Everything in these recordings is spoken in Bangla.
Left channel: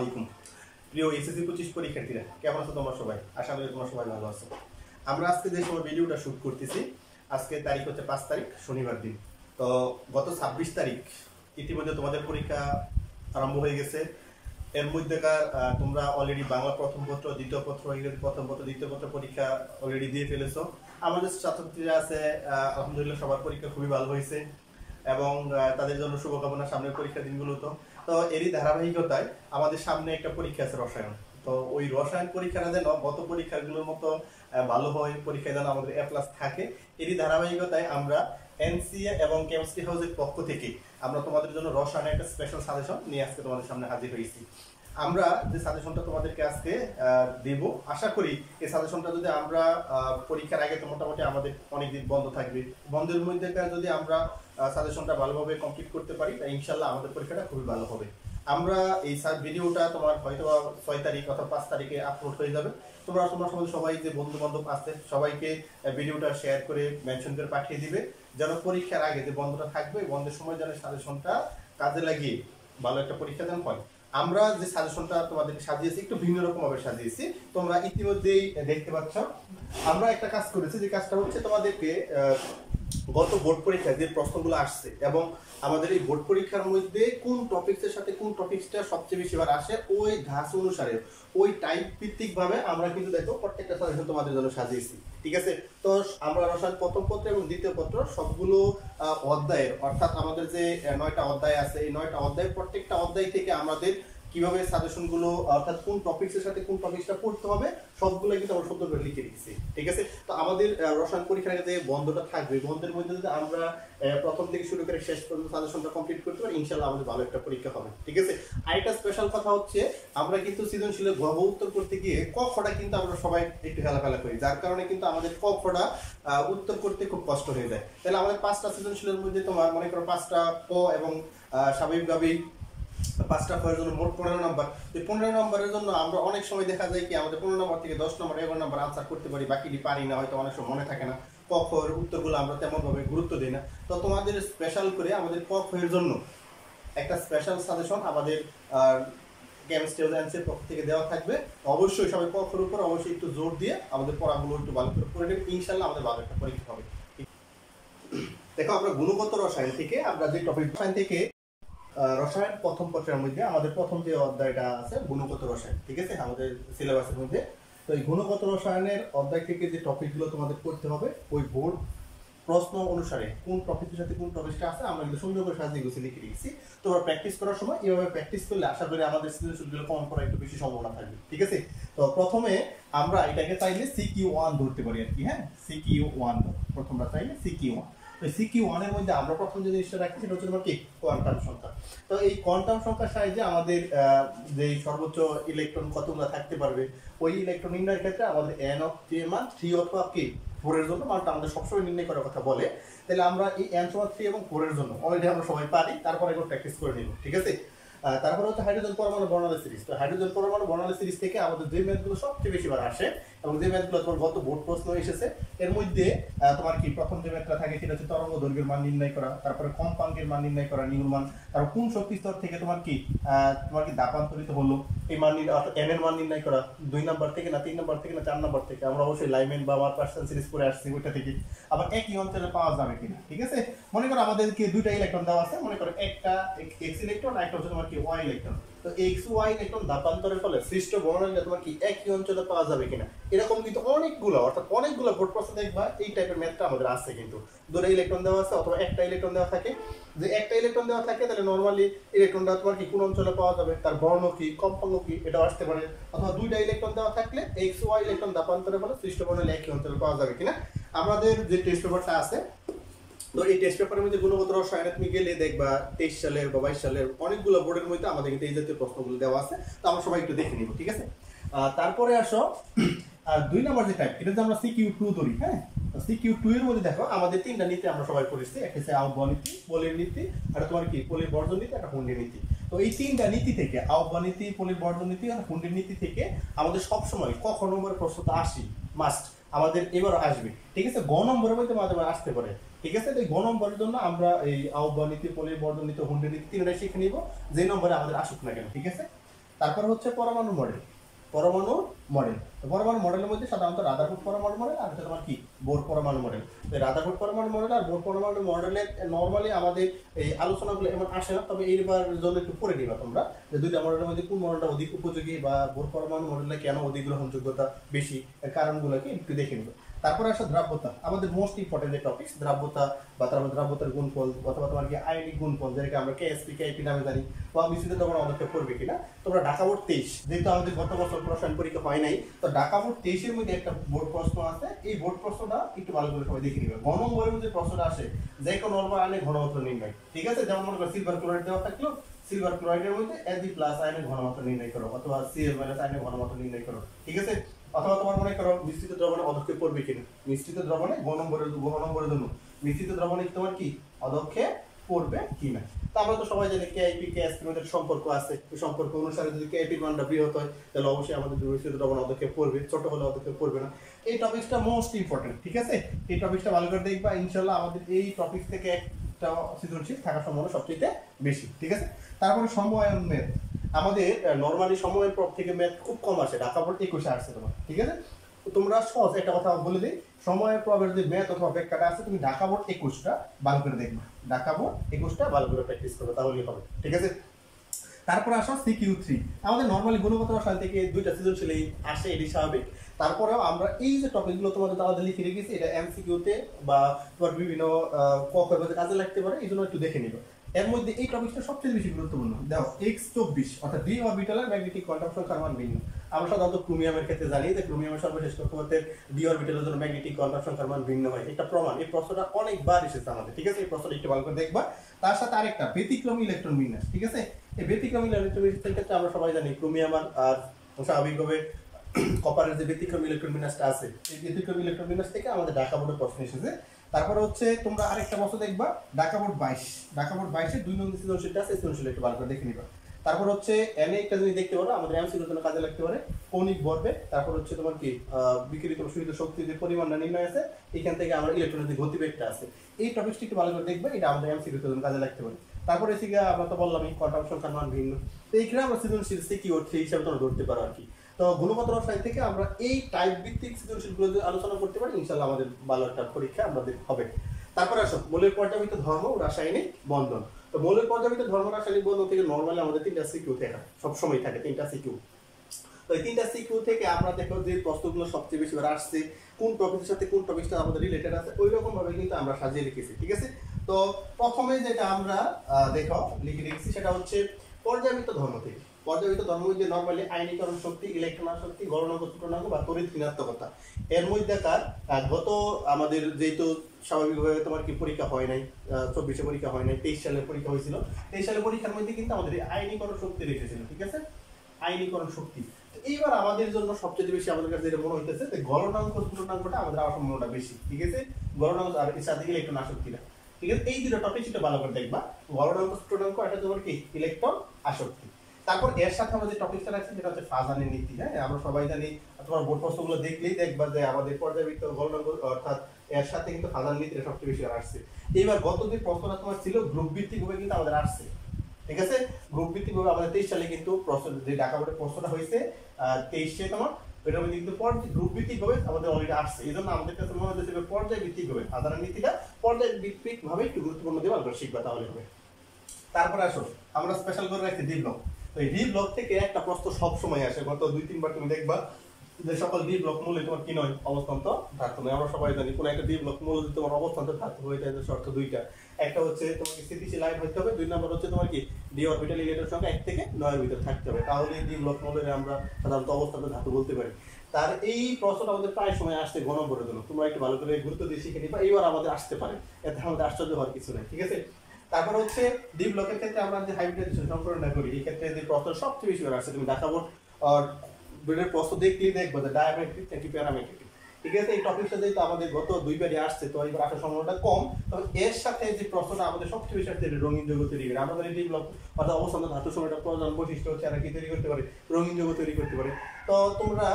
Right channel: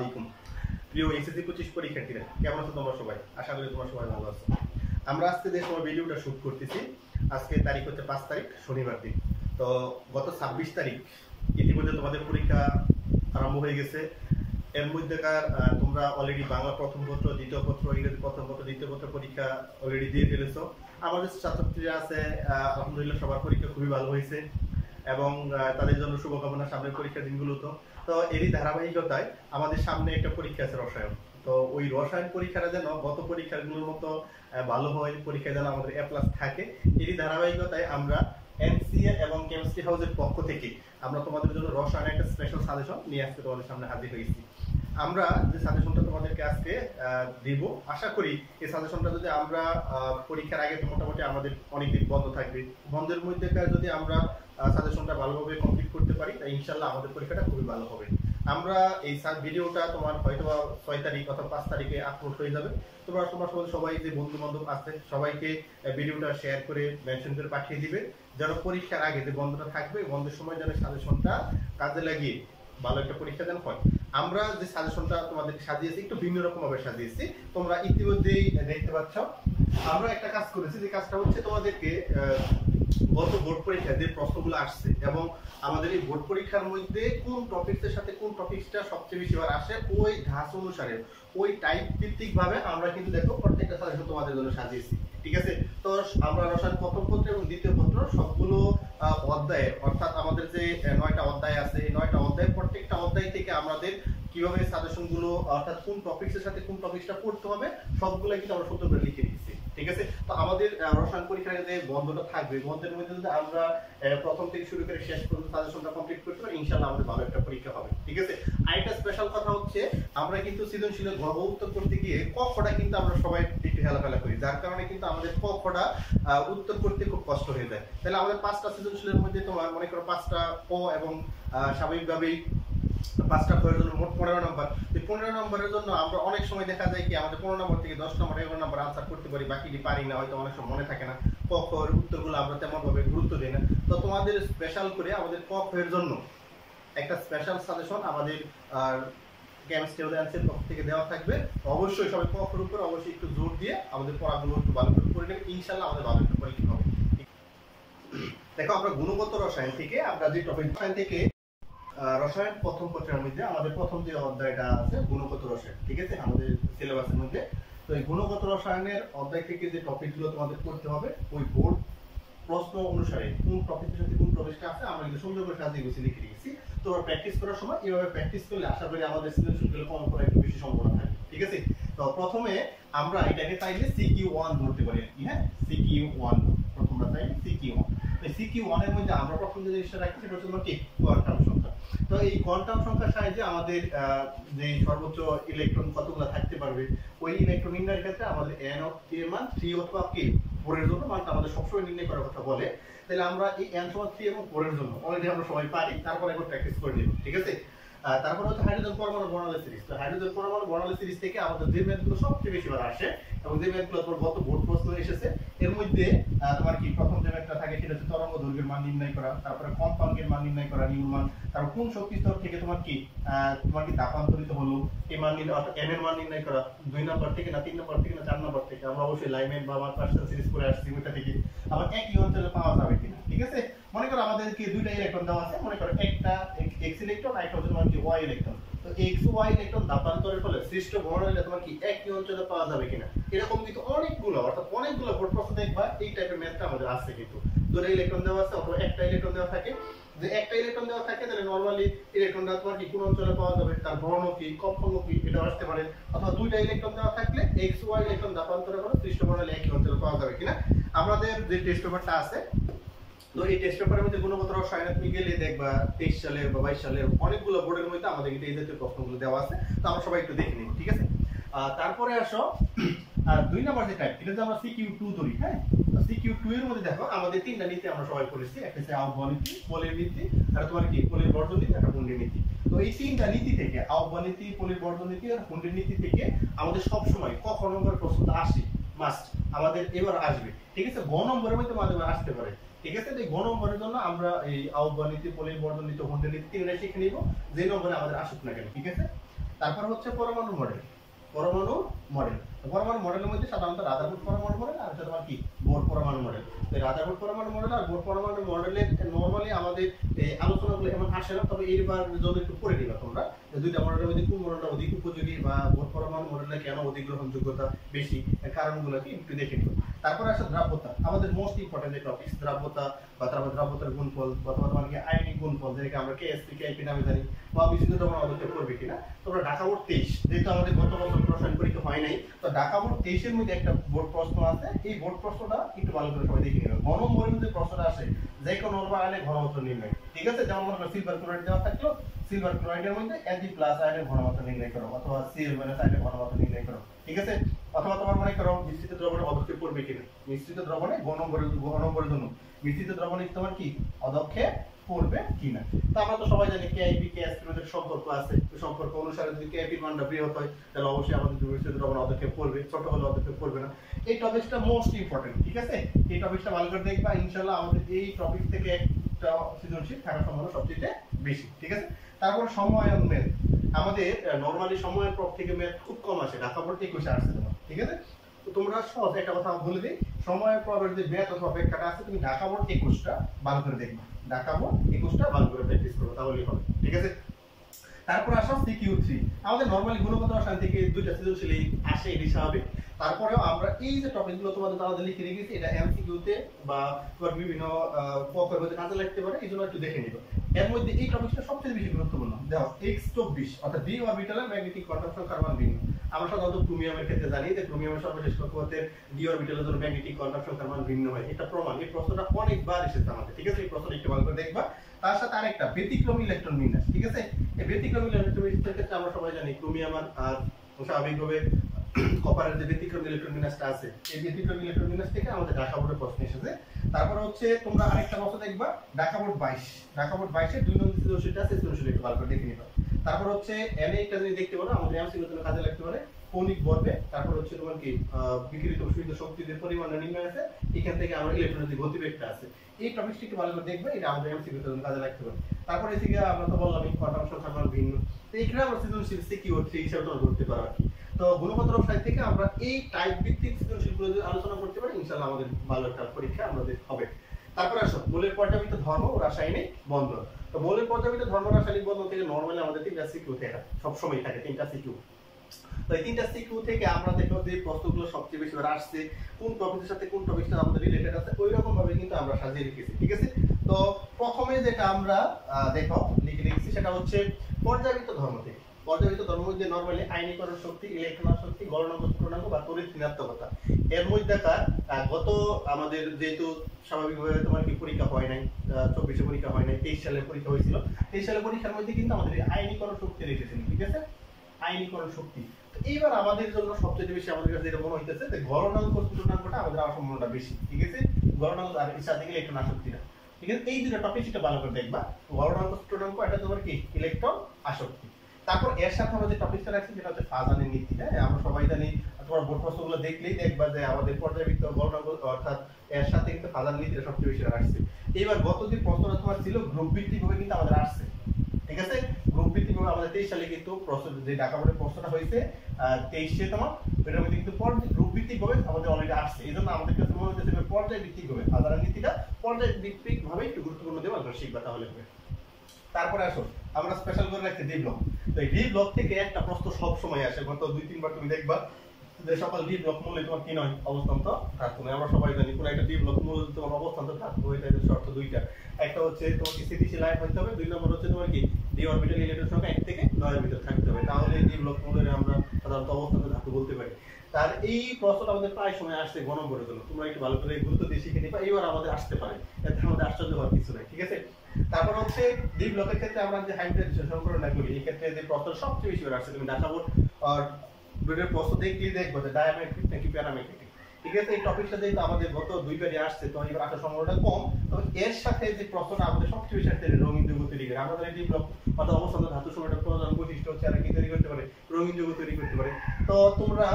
আলাইকুম প্রিয় এসএসসি 25 পরীক্ষার্থীরা, কেমন আছো তোমরা সবাই? আশা করি তোমরা সবাই ভালো আছো। আমরা আজকে যে সময় ভিডিওটা শুট করতেছি, আজকে তারিখ হচ্ছে 5 তারিখ, শনিবার দিন। তো গত 26 তারিখ ইতিমধ্যে তোমাদের পরীক্ষা আরম্ভ হয়ে গেছে। এর মধ্যেকার তোমরা অলরেডি বাংলা প্রথম পত্র, দ্বিতীয় পত্র, ইংরেজি প্রথম পত্র, দ্বিতীয় পত্র পরীক্ষা অলরেডি দিয়ে ফেলেছো। আমাদের ছাত্রছাত্রীরা আছে, আলহামদুলিল্লাহ সবার পরীক্ষা খুবই ভালো হয়েছে এবং তাদের জন্য শুভকামনা সামনের পরীক্ষার দিনগুলোতে। তো এরই ধারাবাহিকতায় আমাদের সামনে একটা পরীক্ষা আছে, রসায়ন। তো ওই রসায়ন পরীক্ষাটা যেন গত পরীক্ষাগুলোর মতো ভালো হয়, পরীক্ষায় যেন আমাদের A+ থাকে, এরই ধারাবাহিকতায় আমরা এনসিএ এবং কেমিস্ট্রি হাউসের পক্ষ থেকে আমরা তোমাদের জন্য রসায়নের একটা স্পেশাল সাজেশন নিয়ে আজকে তোমাদের সামনে হাজির হয়েছি। আমরা যে সাজেশনটা তোমাদেরকে আজকে দেব, আশা করি এই সাজেশনটা যদি আমরা পরীক্ষার আগে তো মোটামুটি আমাদের অনেকদিন বন্ধ থাকবে, বন্ধের মধ্যে যদি আমরা সাজেশনটা ভালোভাবে কমপ্লিট করতে পারি, তাই ইনশাল্লাহ আমাদের পরীক্ষাটা খুবই ভালো হবে। আমরা এই ভিডিওটা তোমার হয়তো 6 তারিখ অথবা 5 তারিখে আপলোড হয়ে যাবে। তোমরা সবাই যে বন্ধু বান্ধব আছে সবাইকে ভিডিওটা শেয়ার করে মেনশন করে পাঠিয়ে দিবে, যেন পরীক্ষার আগে যে বন্ধটা থাকবে, বন্ধের সময় যেন সাজেশনটা কাজে লাগিয়ে ভালো একটা পরীক্ষা যেন হয়। আমরা যে সাজেশনটা তোমাদেরকে সাজিয়েছি একটু ভিন্ন রকম ভাবে সাজিয়েছি, তোমরা ইতিমধ্যেই দেখতে পাচ্ছ। আমরা একটা কাজ করেছি, যে কাজটা হচ্ছে তোমাদেরকে গত বোর্ড পরীক্ষায় যে প্রশ্নগুলো আসছে এবং আমাদের এই বোর্ড পরীক্ষার মধ্যে কোন টপিকসের সাথে কোন টপিকসটা সবচেয়ে বেশি বার আসে, ওই ধাঁচ অনুসারে ওই টাইপ ভিত্তিক ভাবে আমরা কিন্তু দেখো প্রত্যেকটা সাজেশন তোমাদের জন্য সাজিয়েছি। ঠিক আছে? তো আমরা রসায়ন প্রথম পত্র এবং দ্বিতীয় পত্র সবগুলো অধ্যায়ে, অর্থাৎ আমাদের যে 9টা অধ্যায় আছে, এই 9টা অধ্যায়ের প্রত্যেকটা অধ্যায় থেকে আমাদের কিভাবে সাজেশন গুলো, অর্থাৎ কোন টপিকসের সাথে কোন টপিকসটা পড়তে হবে, সবগুলো কিন্তু আমরা সুন্দর করে লিখে দিচ্ছি। ঠিক আছে? তো আমাদের রসায়ন পরীক্ষার যে বন্ধটা থাকবে, বন্ধের মধ্যে যদি আমরা প্রথম থেকে শুরু করে শেষ পর্যন্ত সাজেশনটা কমপ্লিট করতে পারি, ইনশাআল্লাহ আমাদের ভালো একটা পরীক্ষা হবে। ঠিক আছে? আরেকটা স্পেশাল কথা হচ্ছে, আমরা কিন্তু সৃজনশীলের গ উত্তর করতে গিয়ে ক খটা কিন্তু আমরা সবাই একটু হেলাফেলা করি, যার কারণে কিন্তু আমাদের ক খটা উত্তর করতে খুব কষ্ট হয়ে যায়। তাহলে আমাদের 5টা সৃজনশীলের মধ্যে তোমার মনে করো 5টা ক এবং স্বাভাবিকভাবেই 5টা খয়ের জন্য মোট 15 নম্বর। এই 15 নম্বরের জন্য আমরা অনেক সময় দেখা যায় কি আমাদের 15 নম্বর থেকে 10 নম্বর 11 নম্বর আনসার করতে পারি, বাকিটি পারি না, হয়তো অনেক সময় মনে থাকে না, ক খয়ের উত্তরগুলো আমরা তেমন ভাবে গুরুত্ব দিই না। তো তোমাদের স্পেশাল করে আমাদের ক খয়ের জন্য একটা স্পেশাল সাজেশন আমাদের কেমিস্ট্রি এর পক্ষ থেকে দেওয়া থাকবে। অবশ্যই সবাই ক খয়ের উপর অবশ্যই একটু জোর দিয়ে আমাদের পড়াগুলো একটু ভালো করে পড়ে নেবে, ইনশাআল্লাহ আমাদের ভালো একটা পরীক্ষা হবে। দেখো, আমরা গুণগত রসায়ন থেকে আমরা যে টপিক রসায়ন থেকে রসায়ন প্রথম পত্রের মধ্যে আমাদের প্রথম যে অধ্যায়টা আছে গুণগত রসায়ন, ঠিক আছে, আমাদের সিলেবাসের মধ্যে। তো এই গুণগত রসায়নের অধ্যায় থেকে যে টপিকগুলো তোমাদের পড়তে হবে, ওই বোর্ড প্রশ্ন অনুসারে কোন টপিকের সাথে কোন টপিকটা আছে আমরা কিন্তু সুন্দর করে সাজিয়ে গুছিয়ে লিখে রেখেছি। তোমরা প্র্যাকটিস করার সময় এইভাবে প্র্যাকটিস করলে আশা করি আমাদের সৃজনশীলগুলো কমন করার একটু বেশি সম্ভাবনা থাকবে। ঠিক আছে? তো প্রথমে আমরা এটাকে চাইলে CQ1 ধরতে পারি আর কি। হ্যাঁ, CQ1 প্রথমবার চাইলে CQ1। তো CQ1 এর মধ্যে আমরা প্রথম যে জিনিসটা রাখি সেটা হচ্ছে তোমার কি কোয়ান্টাম সংখ্যা। তো এই কোয়ান্টাম সংখ্যার সাহায্যে আমাদের যে সর্বোচ্চ ইলেকট্রন কতগুলো থাকতে পারবে, ওই ইলেকট্রন নির্ণয়ের ক্ষেত্রে আমাদের n অফ 3 এর মান 3 অথবা k 4 এর জন্য মানটা আমাদের সবসময় নির্ণয় করার কথা বলে। তাহলে আমরা এই n সমান 3 এবং 4 এর জন্য অলরেডি আমরা সবাই পারি, তারপরে একবার প্র্যাকটিস করে নিব। ঠিক আছে? তারপরে হচ্ছে হাইড্রোজেন পরমাণু বর্ণালী সিরিজ। তো হাইড্রোজেন পরমাণু বর্ণালী সিরিজ থেকে আমাদের যে ম্যাথগুলো সবচেয়ে বেশি বার আসে এবং যে ম্যাথগুলো তোমার গত বোর্ড প্রশ্ন এসেছে, এর মধ্যে তোমার কি প্রথম যে ম্যাথটা থাকে সেটা হচ্ছে তরঙ্গ দৈর্ঘ্যের মান নির্ণয় করা, তারপরে কম্পাঙ্কের মান নির্ণয় করা, নিউমান, তারপর কোন শক্তি স্তর থেকে তোমার কি দাপান্তরিত হলো এই মান নির্ণয়, অর্থাৎ n এর মান নির্ণয় করা 2 নাম্বার থেকে না 3 নাম্বার থেকে না 4 নাম্বার থেকে, আমরা অবশ্যই লাইমেন বা পার্সেন্ট সিরিজ করে আসছি ওইটা থেকে। আবার একই অঞ্চলে পাওয়া যাবে কিনা। ঠিক আছে? মনে করো আমাদেরকে দুইটা ইলেকট্রন দেওয়া আছে, মনে করো একটা x ইলেকট্রন আর একটা হচ্ছে তোমার কি y ইলেকট্রন। তো x y ইলেকট্রন দাপান্তরের ফলে সৃষ্ট বর্ণালীটা তোমার কি একই অঞ্চলে পাওয়া যাবে কিনা, এরকম কিন্তু অনেকগুলো, অর্থাৎ অনেকগুলো বোর্ড প্রশ্ন দেখবা এই টাইপের ম্যাথটা আমাদের আছে। কিন্তু দুটো ইলেকট্রন দেওয়া আছে অথবা একটা ইলেকট্রন দেওয়া থাকে, যে একটা ইলেকট্রন দেওয়া থাকে তাহলে নরমালি ইলেকট্রনটা তোমার কি কোন অঞ্চলে পাওয়া যাবে, তার বর্ণ কি, কম্পাঙ্ক কি, এটা আসতে পারে। অথবা দুইটা ইলেকট্রন দেওয়া থাকলে x y ইলেকট্রন দাপান্তরের ফলে সৃষ্ট বর্ণালী একই অঞ্চলে পাওয়া যাবে কিনা। আমাদের যে টেস্ট পেপারটা আছে, তো এই টেস্ট পেপারের মধ্যে গুণগত রসায়নে তুমি গেলে দেখবা 23 সালের বা 22 সালের অনেকগুলো বোর্ডের মধ্যে আমাদের কিন্তু এই জাতীয় প্রশ্নগুলো দেওয়া আছে। তো আমরা সবাই একটু দেখে নিব। ঠিক আছে? তারপরে আসো 2 নম্বর যে টাইপ, এটা যে আমরা CQ2 ধরি। হ্যাঁ, CQ2 এর মধ্যে দেখো আমাদের তিনটা নীতি আমরা সবাই পড়েছি, একটা হচ্ছে আহ্বান নীতি, পোলের নীতি, আর তোমার কি পোলের বর্জন নীতি, একটা হুন্ডি নীতি। তো এই তিনটা নীতি থেকে, আহ্বান নীতি, পোলের বর্জন নীতি আর হুন্ডির নীতি থেকে আমাদের সব সময় ক খ নম্বরের প্রশ্নটা আসে, মাস্ট আমাদের এবার আসবে। ঠিক আছে? গ নম্বরের মধ্যে আমাদের আসতে পারে। ঠিক আছে? এই গ নম্বরের জন্য আমরা এই আহ্বান নীতি, পোলের বর্জন নীতি, হুন্ডি নীতি তিনটাই শিখে নিব, যে নম্বরে আমাদের আসুক না কেন। ঠিক আছে? তারপর হচ্ছে পরমাণু মডেল। পরমাণু মডেল, পরমাণু মডেলের মধ্যে সাধারণত রাদারফোর্ড পরমাণু মডেল আর হচ্ছে তোমার কি বোর পরমাণু মডেল। রাদারফোর্ড পরমাণু মডেল আর বোর পরমাণু মডেলের নর্মালি আমাদের এই আলোচনাগুলো এমন আসে না, তবে এইবার জন্য একটু পড়ে নিবা তোমরা যে দুইটা মডেলের মধ্যে কোন মডেলটা অধিক উপযোগী বা বোর পরমাণু মডেলে কেন অধিক গ্রহণযোগ্যতা বেশি, এর কারণগুলোকে একটু দেখে নিব। তারপরে আসে দ্রাব্যতা, আমাদের মোস্ট ইম্পর্টেন্ট যে টপিক দ্রাব্যতা বা তারপর দ্রাব্যতার গুণফল অথবা তোমার কি আয়নিক গুণফল, যেটাকে আমরা কেএসপি কেআইপি নামে জানি, বা বিচিত্র দ্রবণ পদক্ষেপ করবে কিনা। তোমরা ঢাকা বোর্ড 23, যেহেতু আমাদের গত বছর রসায়ন পরীক্ষা হয় নাই, তো ঢাকা বোর্ড 23 এর মধ্যে একটা বোর্ড প্রশ্ন আছে। এই বোর্ড প্রশ্নটা একটু ভালো করে সবাই দেখে নেবে। ঘন নম্বরের মধ্যে প্রশ্নটা আসে যে কোনো নরমাল আয়নের ঘনমাত্রা নির্ণয়, ঠিক আছে। যেমন মনে করো সিলভার ক্লোরাইড দেওয়া থাকলো, সিলভার ক্লোরাইডের মধ্যে Ag+ আয়নের ঘনমাত্রা নির্ণয় করো, অথবা Cl- আয়নের ঘনমাত্রা নির্ণয় করো, ঠিক আছে। অথবা তোমার মনে করো মিশ্রিত দ্রবণে পদক্ষেপ করবে কিনা, মিশ্রিত দ্রবণে ঘন নম্বরের জন্য মিশ্রিত দ্রবণে তোমার কি পদক্ষেপ করবে কিনা। তো আমরা তো সবাই জানি কেআইপি কেএসপি মধ্যে সম্পর্ক আছে। তো সম্পর্ক অনুসারে যদি কেআইপি মানটা বৃহৎ হয় তাহলে অবশ্যই আমাদের মিশ্রিত দ্রবণ পদক্ষেপ করবে, ছোট হলে পদক্ষেপ করবে না। এই টপিকটা মোস্ট ইম্পর্টেন্ট, ঠিক আছে। এই টপিকটা ভালো করে দেখবা, ইনশাআল্লাহ আমাদের এই টপিক থেকে একটা সৃজনশীল থাকার সম্ভাবনা সবচেয়ে বেশি, ঠিক আছে। তারপরে সময়ায়ন ম্যাথ, আমাদের নরমালি সময়ের পর থেকে ম্যাথ খুব কম আসে, ঢাকা বোর্ড 21 আসছে তোমার, ঠিক আছে। তো তোমরা সহজ একটা কথা বলে দিই, সময়ের পরের যে ম্যাথ অথবা ব্যাখ্যাটা আছে তুমি ঢাকা বোর্ড 21টা ভালো করে দেখবা, ঢাকা বোর্ড 21টা ভালো করে প্র্যাকটিস করবে, তাহলেই হবে, ঠিক আছে। তারপর আসো CQ3, আমাদের নরমালি গুণগত রসায়ন থেকে দুইটা সৃজনশীল আসে, এটি স্বাভাবিক। তারপরেও আমরা এই যে টপিকগুলো তোমাদের দাদা লিখে রেখেছি, এটা MCQ-তে বা তোমার বিভিন্ন পকের মধ্যে কাজে লাগতে পারে, এই জন্য একটু দেখে নিব। এর মধ্যে এই টপিকটা সবচেয়ে বেশি গুরুত্বপূর্ণ। দেখো X24 অর্থাৎ ডি অরবিটালের ম্যাগনেটিক কোয়ান্টাম সংখ্যার মান ভিন্ন। আমরা সাধারণত ক্রোমিয়ামের ক্ষেত্রে জানি যে ক্রোমিয়ামের সর্বশেষ কক্ষপথের ডি অরবিটালের জন্য ম্যাগনেটিক কোয়ান্টাম সংখ্যার মান ভিন্ন হয়, এটা প্রমাণ। এই প্রশ্নটা অনেকবার এসেছে আমাদের, ঠিক আছে। এই প্রশ্নটা একটু ভালো করে দেখবা। তার সাথে আরেকটা ব্যতিক্রমী ইলেকট্রন বিন্যাস, ঠিক আছে। এই ব্যতিক্রমী ইলেকট্রন বিন্যাসের ক্ষেত্রে আমরা সবাই জানি ক্রোমিয়াম আর স্বাভাবিকভাবে কপারের যে ব্যতিক্রমী ইলেকট্রন বিন্যাসটা আছে, এই ব্যতিক্রমী ইলেকট্রন বিন্যাস থেকে আমাদের ঢাকা বোর্ডের প্রশ্ন এসেছে। তারপরে হচ্ছে তোমরা আরেকটা প্রশ্ন দেখবা ঢাকা বোর্ড 22, ঢাকা বোর্ড 22 এর 2 নম্বর সৃজনশীলটা আছে, সৃজনশীল একটু ভালো করে দেখে নিবা। তারপর হচ্ছে এনে একটা জিনিস দেখতে পারো, আমাদের এমসিকিউ জন্য কাজে লাগতে পারে, কৌণিক ভরবেগ। তারপর হচ্ছে তোমার কি বিকিরিত শোষিত শক্তির যে পরিমাণটা নির্ণয় আছে, এখান থেকে আমরা ইলেকট্রনের যে গতিবেগটা আছে, এই টপিকটি একটু ভালো করে দেখবে, এটা আমাদের এমসিকিউ জন্য কাজে লাগতে পারে। তারপরে এসে গিয়ে আমরা তো বললাম এই কোয়ান্টাম সংখ্যার মান ভিন্ন, এইখানে আমরা সৃজনশীল CQ3 হিসাবে তোমরা ধরতে পারো আর কি। তো গুণগত রসায়ন থেকে আমরা এই টাইপ ভিত্তিক সৃজনশীলগুলো যদি আলোচনা করতে পারি, ইনশাআল্লাহ আমাদের ভালো একটা পরীক্ষা আমাদের হবে। তারপর আসো মৌলের পর্যাবৃত্ত ধর্ম ও রাসায়নিক বন্ধন। তো মৌলের পর্যাবৃত্ত ধর্ম রাসায়নিক বন্ধন থেকে নরমালি আমাদের 3টা সিকিউ থাকে, সবসময় থাকে 3টা সিকিউ। তো এই 3টা সিকিউ থেকে আমরা দেখো যে প্রশ্নগুলো সবচেয়ে বেশি আসছে, কোন টপিকের সাথে কোন টপিকটা আমাদের রিলেটেড আছে, ওই রকম ভাবে কিন্তু আমরা সাজিয়ে রেখেছি, ঠিক আছে। তো প্রথমে যেটা আমরা দেখো লিখে রেখেছি সেটা হচ্ছে পর্যাবৃত্ত ধর্ম থেকে। পর্যাবৃত্ত ধর্ম মধ্যে নরমালি আয়নীকরণ শক্তি, ইলেকট্রন শক্তি, গলনাঙ্ক ত্বরণাঙ্ক বা তড়িৎ ঋণাত্মকতা। এর মধ্যেকার গত আমাদের যেহেতু স্বাভাবিকভাবে তোমার কি পরীক্ষা হয় নাই, 24 পরীক্ষা হয় নাই, 23 সালে পরীক্ষা হয়েছিল। 23 সালে পরীক্ষার মধ্যে কিন্তু আমাদের আয়নীকরণ শক্তি রেখেছিল, ঠিক আছে, আয়নীকরণ শক্তি। এইবার আমাদের জন্য সবচেয়ে বেশি আমাদের কাছে যেটা মনে হইতেছে যে গলনাঙ্ক ত্বরণাঙ্কটা আমাদের সম্ভাবনাটা বেশি, ঠিক আছে। গলনাঙ্ক আর এর সাথে ইলেকট্রন আসক্তিটা, ঠিক আছে। এই দুটো টপিক সেটা ভালো করে দেখবা, গলনাঙ্ক ত্বরণাঙ্ক এটা তোমার কি ইলেকট্রন আসক্তি। তারপর এর সাথে আমরা যে টপিকটা রাখছি যেটা হচ্ছে ফাজানের নীতি। হ্যাঁ, আমরা সবাই জানি, তোমার বোর্ড প্রশ্নগুলো দেখলেই দেখবা যে আমাদের পর্যাবৃত্ত গলনাঙ্ক অর্থাৎ এর সাথে কিন্তু ফাজান নীতিটা সবচেয়ে বেশি আসছে। এইবার গত যে প্রশ্নটা তোমার ছিল গ্রুপ ভিত্তিক ভাবে কিন্তু আমাদের আসছে, ঠিক আছে। গ্রুপ ভিত্তিক ভাবে আমাদের 23 সালে কিন্তু প্রশ্ন যে ঢাকা বোর্ডের প্রশ্নটা হয়েছে 23 তোমার, এটার মধ্যে কিন্তু গ্রুপ ভিত্তিক ভাবে আমাদের অলরেডি আসছে। এই জন্য আমাদের কাছে মনে হচ্ছে পর্যায় ভিত্তিক ভাবে ফাজানের নীতিটা পর্যায় ভিত্তিক ভাবে একটু গুরুত্বপূর্ণ দেওয়া শিখবা, তাহলে হবে। তারপরে আসো আমরা স্পেশাল করে রাখছি ডি ব্লক। তো এই ডি ব্লক থেকে একটা প্রশ্ন সব সময় আসে, গত 2-3 বার তুমি দেখবা যে সকল ডি ব্লক মূলে তোমার কি নয়, অবস্থান্ত ধাতু নয়। আমরা সবাই জানি কোন একটা ডি ব্লক মূল তোমার অবস্থান্ত ধাতু হয়ে যায়, শর্ত দুইটা। একটা হচ্ছে তোমার কি স্থিতিশীল আয়ন হতে হবে, 2 নম্বর হচ্ছে তোমার কি ডি অরবিটাল ইলেকট্রন সংখ্যা 1 থেকে 9 এর ভিতর থাকতে হবে, তাহলে ডি ব্লক মূলের আমরা সাধারণত অবস্থান্ত ধাতু বলতে পারি। তার এই প্রশ্নটা আমাদের প্রায় সময় আসছে গ নম্বরের জন্য, তোমরা একটু ভালো করে গুরুত্ব দিয়ে শিখে নিবা, এইবার আমাদের আসতে পারে, এতে আমাদের আশ্চর্য হওয়ার কিছু নাই, ঠিক আছে। তারপর হচ্ছে ডি ব্লকের ক্ষেত্রে আমরা যে হাইব্রিডাইজেশন সংকরণ করি, এই ক্ষেত্রে যে প্রশ্ন সবচেয়ে বেশি আসছে, তুমি ঢাকা বোর্ড আর প্রশ্ন দেখলেই দেখবো যে ডায়ামেট্রিক নাকি প্যারামেট্রিক, ঠিক আছে। এই টপিকটা যেহেতু আমাদের গত 2 বারই আসছে, তো এবার আসার সম্ভাবনাটা কম। তবে এর সাথে যে প্রশ্নটা আমাদের সবচেয়ে বেশি আসছে রঙিন যৌগ তৈরি করে, আমাদের এই ডি ব্লক অর্থাৎ অবস্থান্ত ধাতু সময়টা প্রধান বৈশিষ্ট্য হচ্ছে এরা কি তৈরি করতে পারে, রঙিন যৌগ তৈরি করতে পারে। তো তোমরা